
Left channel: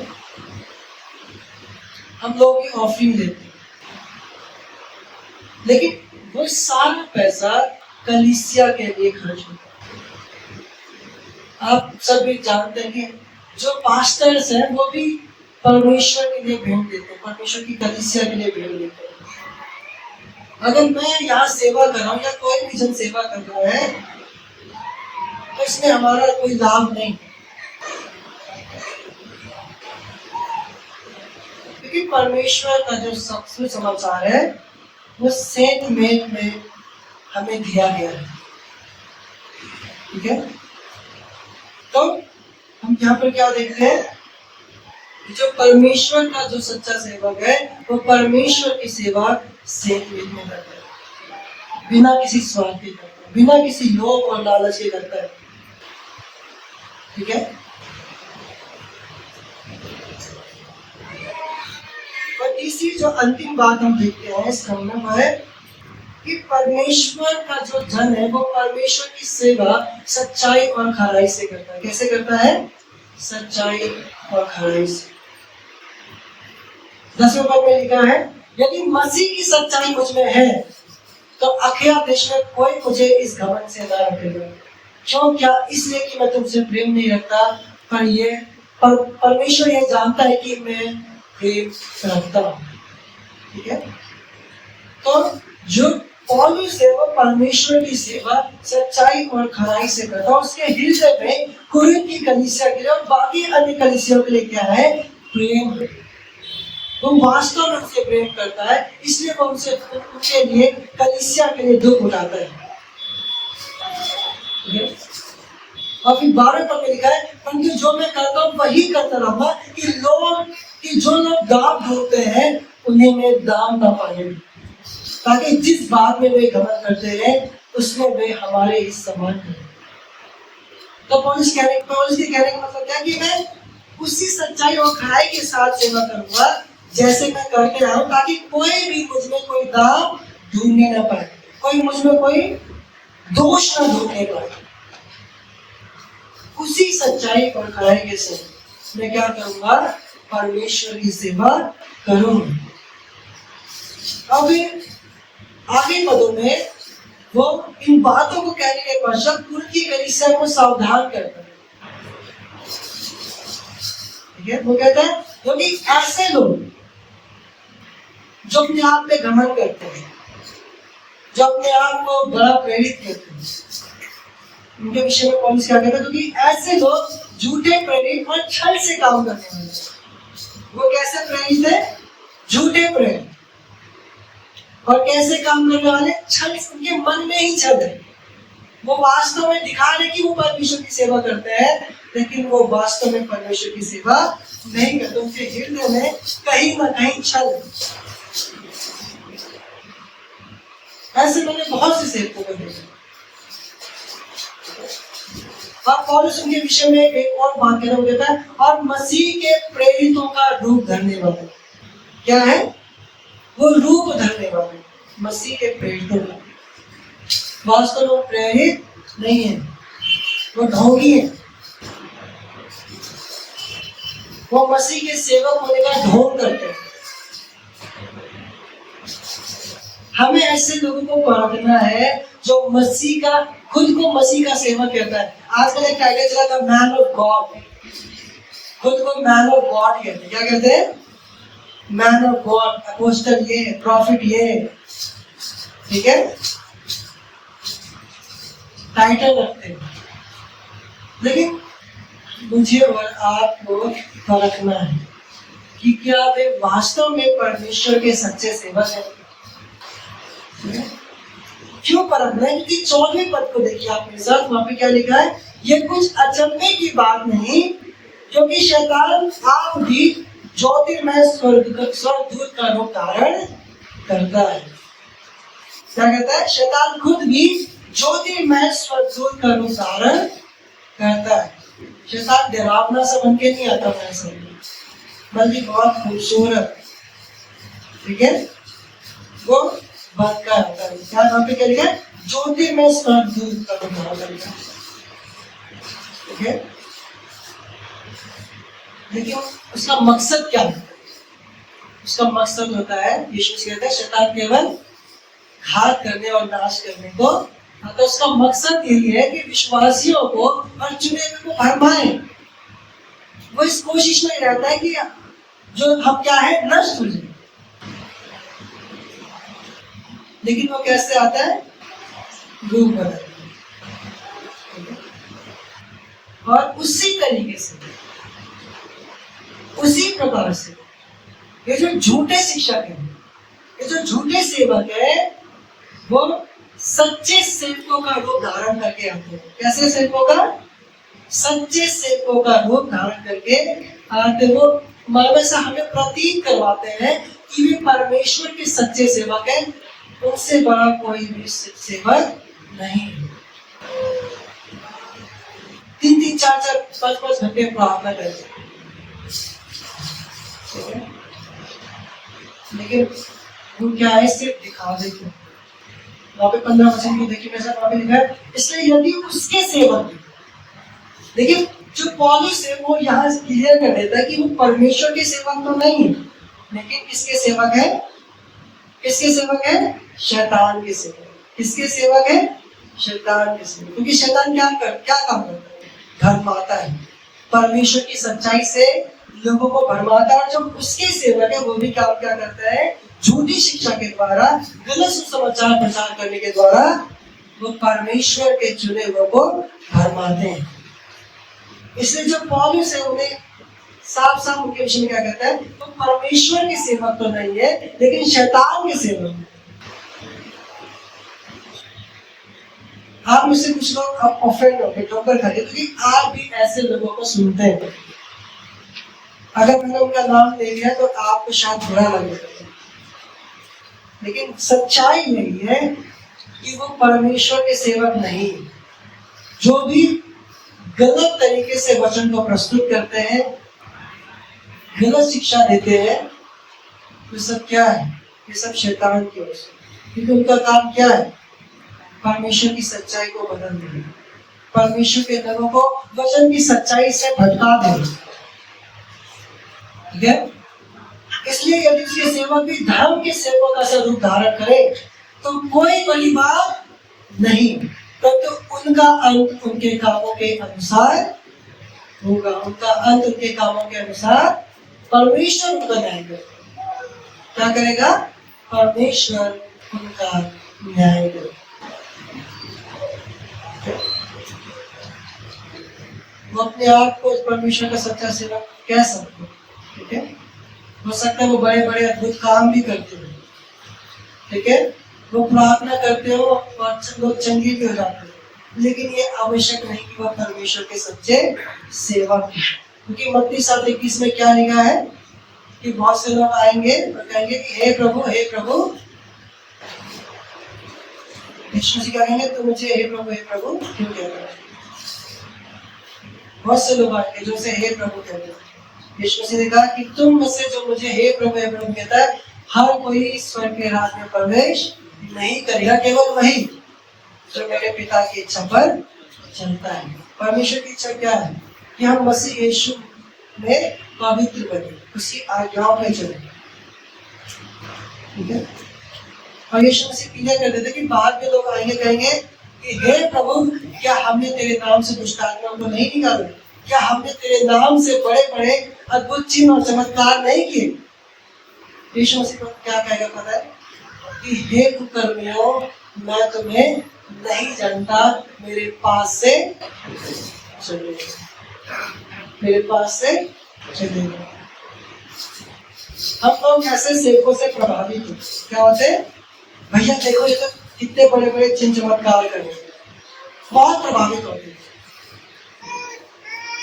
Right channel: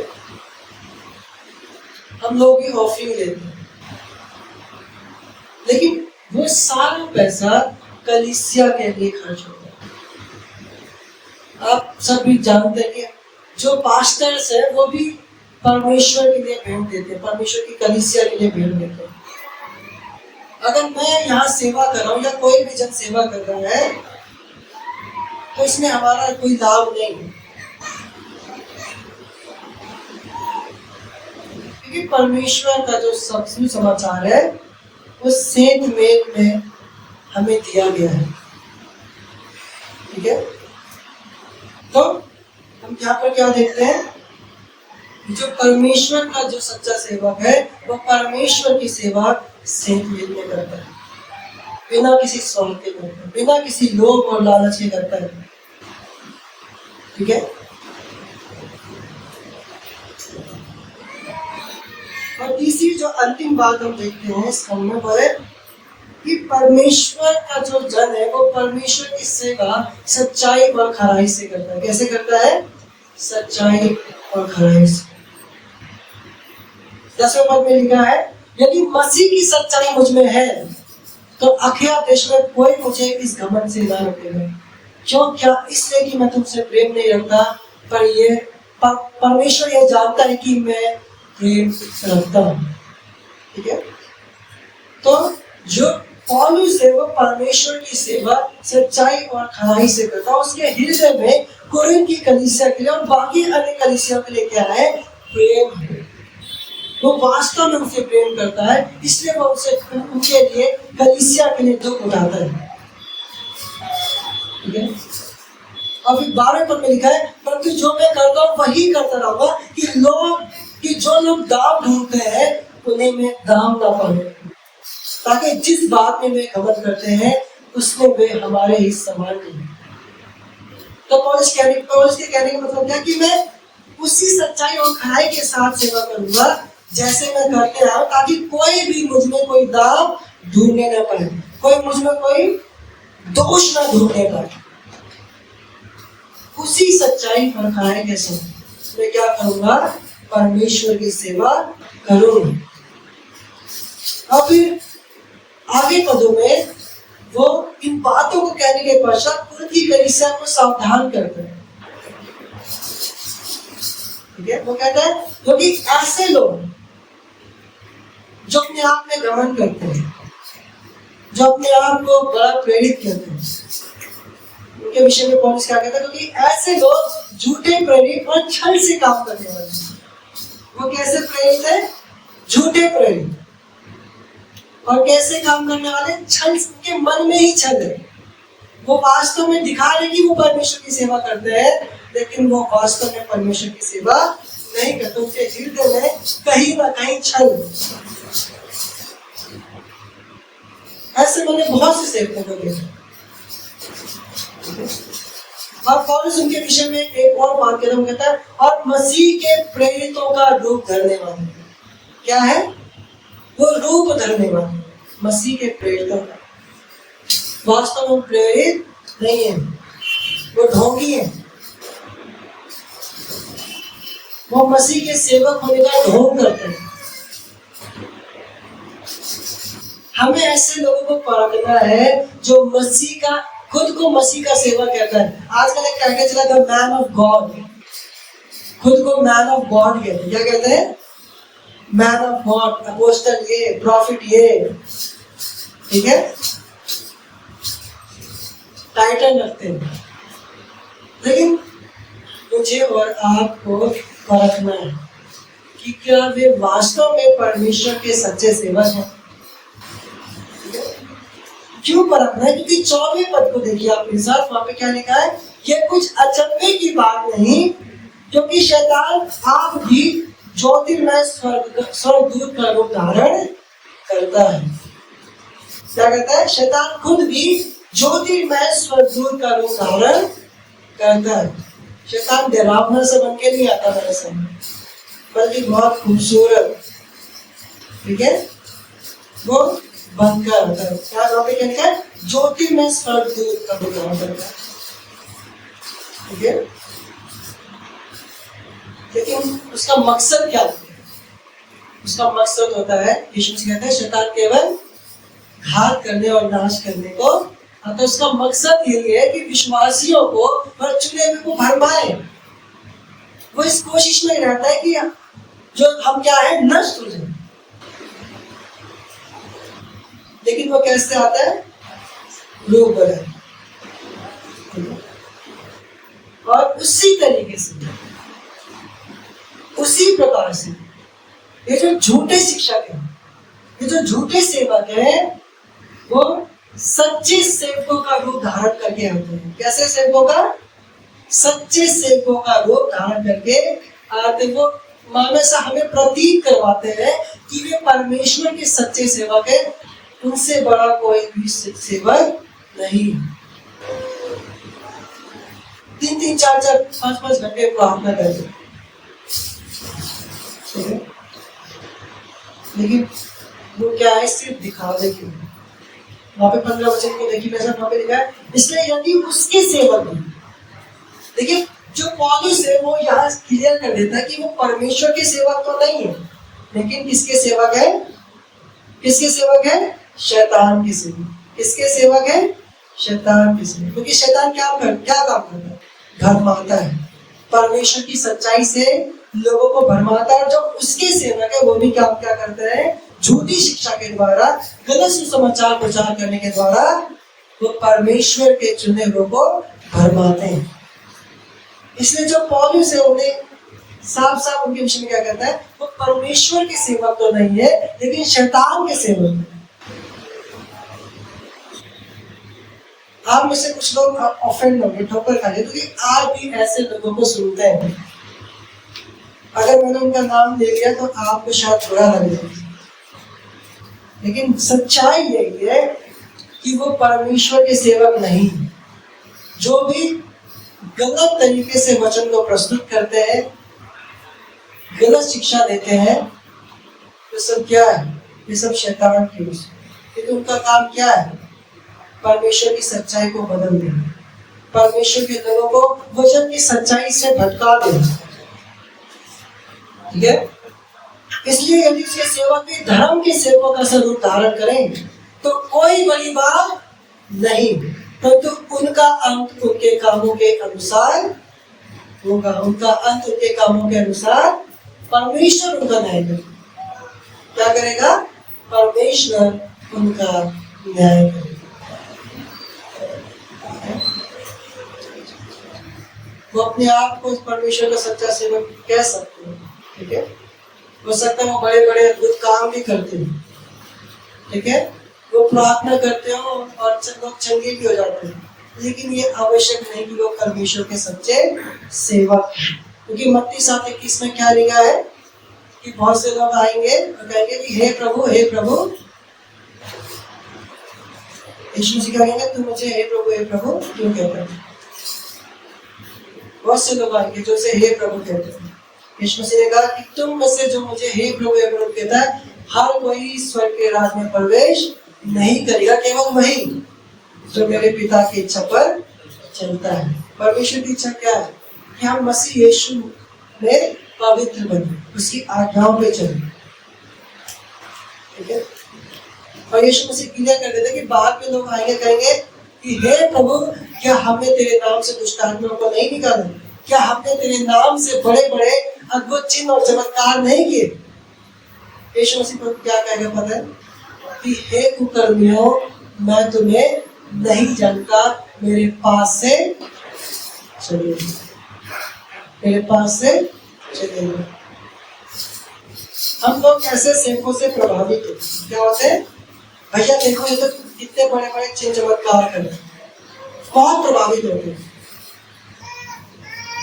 हम लोग भी ऑफरिंग देते हैं, लेकिन वो सारा पैसा कलीसिया के लिए खर्च होता है। आप सब भी जानते हैं कि जो पास्टर्स हैं वो भी परमेश्वर के लिए भेंट देते हैं, परमेश्वर की कलीसिया के लिए भेंट देते हैं। अगर मैं यहाँ सेवा कर रहा हूँ या कोई भी जन सेवा कर रहा है तो इसमें हमारा कोई लाभ नहीं है, क्योंकि परमेश्वर का जो सुसमाचार है वो सेंट मेल में हमें दिया गया है। ठीक है, तो हम यहाँ पर क्या देखते हैं, जो परमेश्वर का जो सच्चा सेवक है वो परमेश्वर की सेवा सेंट मेल में करता है, बिना किसी स्वार्थ के करता है, बिना किसी लोभ और लालच के करता है। ठीक है, और तीसरी जो अंतिम बात हम देखते हैं इस खंड में वो है कि परमेश्वर का जो जन है वो परमेश्वर की सेवा सच्चाई और खराई से करता है। कैसे करता है? सच्चाई और खराई से। 10वें पद में लिखा है, यदि मसीह की सच्चाई मुझ में है तो अखया देश में कोई मुझे इस घमंड से ना रोकेगा। क्यों? क्या इसलिए कि मैं तुमसे प्रेम नहीं रखता, पर परमेश्वर ये जानता है कि मैं प्रेम रखता हूँ। ठीक है, तो जो पौलुस है वो परमेश्वर की सेवा सच्चाई और खराई से करता है। उसके हृदय में कुरिन्थ की कलीसिया के लिए और बाकी अन्य कलीसियाओं के लिए क्या है? प्रेम है। वो वास्तव में उनसे प्रेम करता है, इसलिए वो उनके लिए कलीसिया के लिए दुख उठाता है। ठीक है, और फिर 12वें पद में लिखा है, परंतु जो मैं करता हूँ वही करता रहूंगा कि जो लोग दाम ढूंढते हैं उन्हें में दाम ना पड़े, ताकि जिस बात में वे घमंड करते हैं उसमें वे हमारे ही समान नहीं। तो पौलुस के कहने का मतलब क्या कि मैं उसी सच्चाई और खराई के साथ सेवा करूंगा जैसे मैं करके आया हूं, ताकि कोई भी मुझ में कोई दाम ढूंढने न पाए, कोई मुझ में कोई दोष न ढूंढने पाए। उसी सच्चाई और खराई के साथ मैं क्या करूंगा? परमेश्वर की सेवा करूंगा। अब आगे पदों में वो इन बातों को कहने के पश्चात कुरिन्थ की कलीसिया को सावधान करता है। ठीक है, वो कहता है क्योंकि ऐसे लोग जो अपने आप में घमंड करते हैं, जो अपने आप को बड़ा प्रेरित करते हैं, उनके विषय में पौलुस क्या कहता है? क्योंकि ऐसे लोग झूठे प्रेरित और छल से काम करने वाले हैं। वो कैसे प्रेरित है? झूठे प्रेरित। और कैसे काम करने वाले? छल। उनके मन में ही छल है। वो वास्तव में दिखा रहे कि वो परमेश्वर की सेवा करते हैं, लेकिन वो वास्तव में परमेश्वर की सेवा नहीं करते। उनके हृदय में कहीं ना कहीं छल है। ऐसे मैंने बहुत से सेवकों को देखा। और पौलुस उनके विषय में एक और बात कहता है, वो कहता है और मसीह के प्रेरितों का रूप धरने वाले। क्या है? वो रूप धरने वाले मसीह के प्रेरितों का। वास्तव में वो प्रेरित नहीं है, वो ढोंगी है। वो मसीह के सेवक होने का ढोंग करते हैं। हमें ऐसे लोगों को परखना है जो मसीह का, खुद को मसीह का सेवक कहता है। आजकल एक टाइटल चला था मैन ऑफ गॉड। खुद को मैन ऑफ गॉड कहते हैं। क्या कहते हैं? मैन ऑफ गॉड, अपोस्टल ये, प्रॉफिट ये। ठीक है, टाइटल रखते हैं। लेकिन मुझे और आपको परखना है कि क्या वे वास्तव में परमेश्वर के सच्चे सेवक हैं। क्यों परखना है? क्योंकि 14वें पद को देखिए आप मेरे साथ, वहां पे क्या लिखा है? ये कुछ अचंभे की बात नहीं, क्योंकि शैतान आप भी ज्योतिर्मय स्वर्गदूत का रूप धारण करता है। क्या कहता है? शैतान खुद भी ज्योतिर्मय स्वर्गदूत का रूप धारण करता है। शैतान डरावना से बन के नहीं आता मेरे सामने, बल्कि बहुत खूबसूरत, ठीक है, वो बनकर आता है। क्या वहां पे क्या लिखा है? ज्योतिर्मय स्वर्गदूत का रूप धारण करता है। ठीक है, लेकिन उसका मकसद क्या होता है? उसका मकसद होता है, यीशु मसीह कहता है शैतान केवल घात करने और नाश करने को आता है। उसका मकसद यही है कि विश्वासियों को और चुने हुए को भरमाए। वो इस कोशिश में रहता है कि जो हम क्या है, नष्ट हो जाए। लेकिन वो कैसे आता है? रूप बदल। और उसी तरीके से, उसी प्रकार से ये जो झूठे शिक्षक हैं, ये जो झूठे सेवक है वो सच्चे सेवकों का रूप धारण करके आते हैं। कैसे सेवकों का? सच्चे सेवकों का रूप धारण करके आते। वो मानो सा हमें प्रतीत करवाते हैं कि वे परमेश्वर के सच्चे सेवक हैं, उनसे बड़ा कोई भी सेवक नहीं। 3-3, 4-4, 5-5 घंटे प्रार्थना करते, लेकिन वो क्या है? सिर्फ दिखावे क्यों? वहां पे 15 वचन को देखिए, वैसा वहां पे लिखा है, इसलिए यदि उसके सेवक भी, देखिए जो पौलुस है वो यहाँ क्लियर कर देता है कि वो परमेश्वर के सेवक तो नहीं है, लेकिन किसके सेवक है? किसके सेवक है? शैतान के सेवक। किसके सेवक है? शैतान के सेवक। क्योंकि शैतान क्या काम करता है? भरमाता है, परमेश्वर की सच्चाई से लोगों को भरमाता है। और जो उसके सेवक है वो भी काम क्या करता है? झूठी शिक्षा के द्वारा, गलत सुसमाचार प्रचार करने के द्वारा वो परमेश्वर के चुने हुए को भरमाते हैं। इसलिए जो पौलुस है उन्हें साफ साफ उनके विषय में क्या कहता है? वो परमेश्वर के सेवक तो नहीं है, लेकिन शैतान के सेवक है। आप में से कुछ लोग ऑफेंड होंगे, ठोकर खाएंगे, क्योंकि आप भी ऐसे लोगों को सुनते हैं। अगर मैंने उनका नाम ले लिया तो आपको शायद बुरा लगेगा, लेकिन सच्चाई यही है कि वो परमेश्वर के सेवक नहीं। जो भी गलत तरीके से वचन को प्रस्तुत करते हैं, गलत शिक्षा देते हैं, तो सब क्या है? ये सब शैतान की ओर से। क्योंकि उनका काम क्या है? परमेश्वर की सच्चाई को बदल देना, परमेश्वर के लोगों को वचन की सच्चाई से भटका देना। ठीक है? इसलिए यदि उसके सेवक भी धर्म के सेवकों का स्वरूप धारण करें तो कोई बड़ी बात नहीं, परंतु उनका अंत उनके कामों के अनुसार होगा। उनका अंत उनके कामों के अनुसार परमेश्वर उनका न्याय करेगा। क्या करेगा? परमेश्वर उनका न्याय करेगा। वो अपने आप को परमेश्वर का सच्चा सेवक कह सकते हैं। ठीक है? हो सकता है वो बड़े बड़े अद्भुत काम भी करते हैं, ठीक है, वो प्रार्थना करते हो और लोग चंगे भी हो जाते हैं, लेकिन ये आवश्यक नहीं कि वो परमेश्वर के सच्चे सेवक हैं। क्योंकि मत्ती 7:21 में क्या लिखा है कि बहुत से लोग आएंगे और कहेंगे कि हे प्रभु, हे प्रभु। यीशु मसीह क्या कहेंगे? तुम मुझे हे प्रभु क्यों कहते हो? बहुत से लोग आएंगे जो से हे प्रभु कहते हैं। यीशु मसीह ने कहा कि तुम में से जो मुझे हे प्रभु कहता है, हर कोई स्वर्ग के राज में प्रवेश नहीं करेगा, केवल वही जो मेरे पिता की इच्छा पर चलता है। परमेश्वर की इच्छा क्या है? कि हम मसीह यीशु में पवित्र बने, उसकी आज्ञाओं पे चले। ठीक है? और यीशु मसीह क्लियर कर देते कि बाद में लोग आएंगे, कहेंगे कि हे प्रभु, क्या हमने तेरे नाम से दुष्ट आत्माओं को नहीं निकाला? क्या हमने तेरे नाम से बड़े बड़े अद्भुत चिन्ह और चमत्कार नहीं किए? यीशु मसीह को क्या कहेगा पता है? कि हे कुकर्मियों, मैं तुम्हें नहीं जानता, मेरे पास से चले, मेरे पास से चले। हम लोग ऐसे सेवकों से प्रभावित हो, क्या होते हैं? भैया देखो ये तो कितने बड़े बड़े चिन्ह चमत्कार कर रहे हैं, बहुत प्रभावित होते हैं।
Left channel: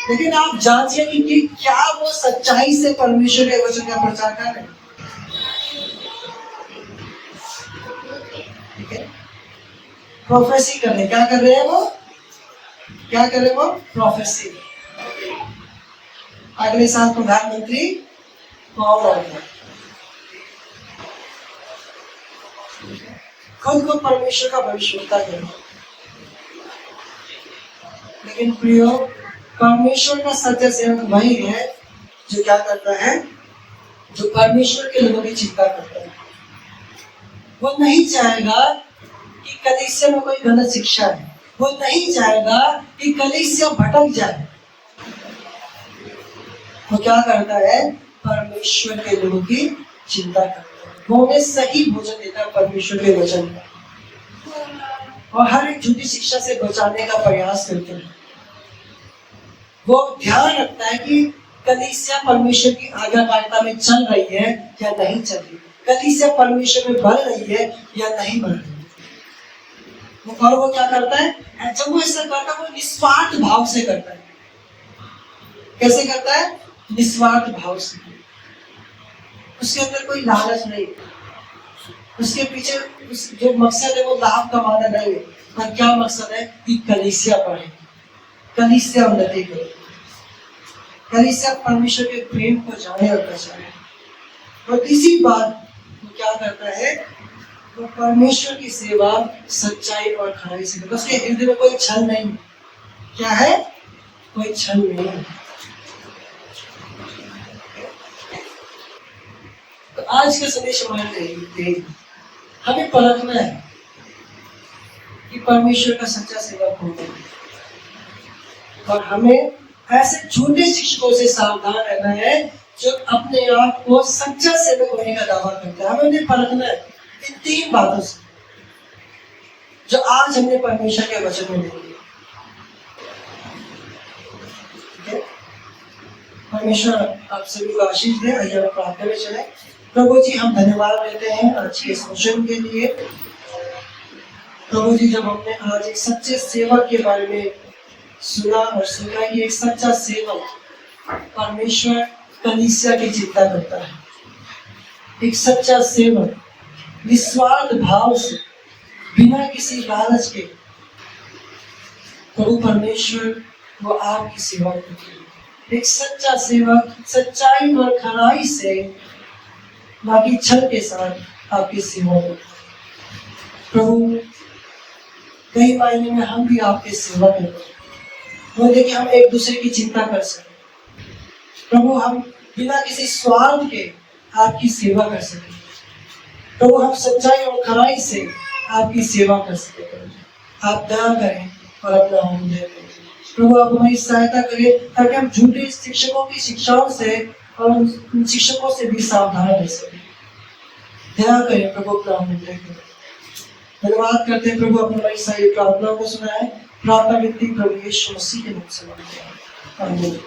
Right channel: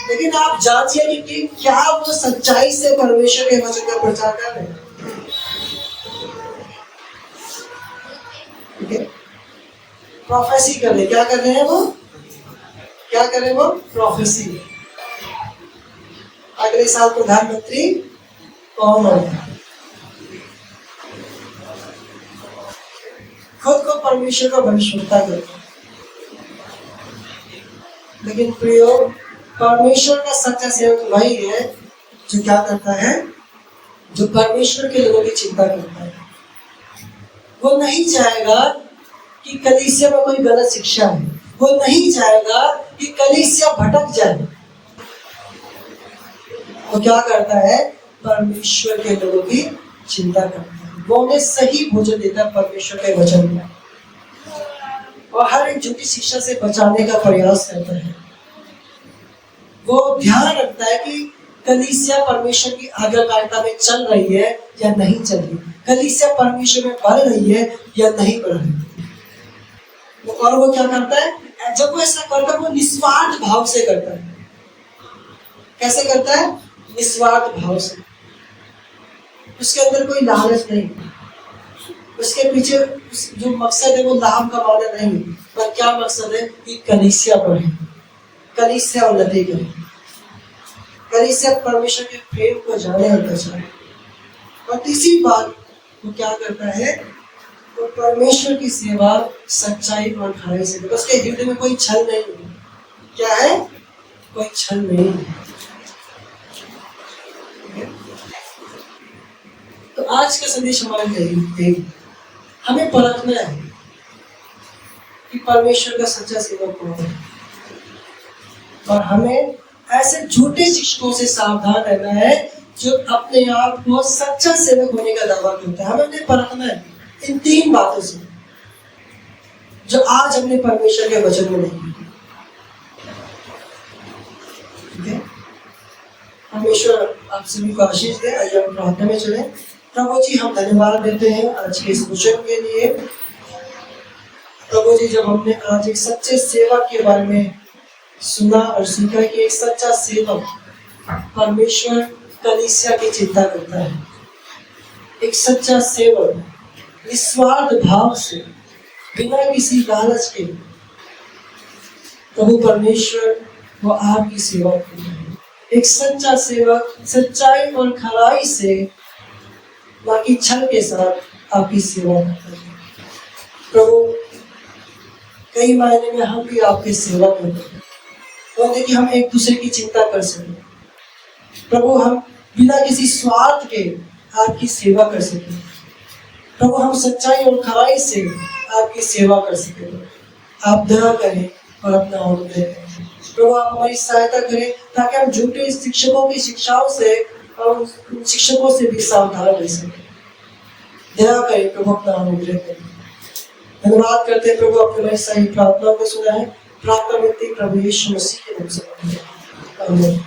लेकिन आप जांचिए कि क्या वो सच्चाई से परमेश्वर के वचन का प्रचार कर रहे हैं। ठीक है? प्रोफेसी कर रहे, क्या कर रहे हैं वो? क्या कर रहे हैं वो? प्रोफेसी। अगले साल प्रधानमंत्री कौन होगा? खुद को परमेश्वर का भविष्यवक्ता करो। लेकिन प्रियो, परमेश्वर का सच्चा सेवक वही है जो क्या करता है? जो परमेश्वर के लोगों की चिंता करता है। वो नहीं चाहेगा कि कलीसिया में कोई गलत शिक्षा है, वो नहीं चाहेगा कि कलीसिया भटक जाए। वो क्या करता है? परमेश्वर के लोगों की चिंता करता है। वो उन्हें सही भोजन देता है परमेश्वर के वचन में, और हर एक झूठी शिक्षा से बचाने का प्रयास करता है। वो ध्यान रखता है कि कलीसिया परमेश्वर की आज्ञाकारिता में चल रही है या नहीं चल रही, कलीसिया परमेश्वर में बढ़ रही है या नहीं बढ़ रही। और वो क्या करता है, जब वो ऐसा करता है वो निस्वार्थ भाव से करता है। कैसे करता है? निस्वार्थ भाव से। उसके अंदर कोई लालच नहीं, उसके पीछे जो मकसद है वो लाभ कमाना नहीं है, पर क्या मकसद है कि कलीसिया बढ़े, कलीसिया उन्नति करे, कलीसिया परमेश्वर के प्रेम को जाने और पहचाने। और तीसरी बात वो क्या करता है, वो परमेश्वर की सेवा सच्चाई और खराई से करता है। उसके हृदय में कोई छल नहीं है। क्या है? कोई छल नहीं है। तो आज का संदेश हमारे लिए हमें परखना है कि परमेश्वर का सच्चा सेवक कौन है, और हमें ऐसे झूठे शिक्षकों से सावधान रहना है जो अपने आप को सच्चा सेवक होने का दावा करता है। हमें उन्हें परखना है इन 3 बातों से जो आज हमने परमेश्वर के वचन में देखी। ठीक है, परमेश्वर आप सभी को आशीष दे। आइए हम प्रार्थना में चले। प्रभु जी, हम धन्यवाद देते हैं आज के इस वचन के लिए। प्रभु जी, जब हमने आज एक सच्चे सेवक के बारे में सुना और सीखा कि एक सच्चा सेवक परमेश्वर कलीसिया की चिंता करता है, एक सच्चा सेवक निस्वार्थ भाव से बिना किसी लालच के प्रभु परमेश्वर वो आपकी सेवा करता है। एक सच्चा सेवक सच्चाई और खराई से, ना कि छल के साथ आपकी सेवा करता है। प्रभु, कई मायने में हम भी आपके सेवा करते हैं। वो देखिए, हम एक दूसरे की चिंता कर सकें प्रभु, हम बिना किसी स्वार्थ के आपकी सेवा कर सकें प्रभु, हम सच्चाई और खराई से आपकी सेवा कर सकें। आप दया करें और अपना अनुग्रह करें प्रभु। आप हमारी सहायता करें ताकि हम झूठे शिक्षकों की शिक्षाओं से और उन शिक्षकों से भी सावधान रह सकें। दया करें प्रभु, अपना अनुग्रह करें। धन्यवाद करते हैं प्रभु, अपने हमारी सारी प्रार्थना को सुना है। प्रार्थना मिलती प्रभु यीशु मसीह के नाम से। आमीन।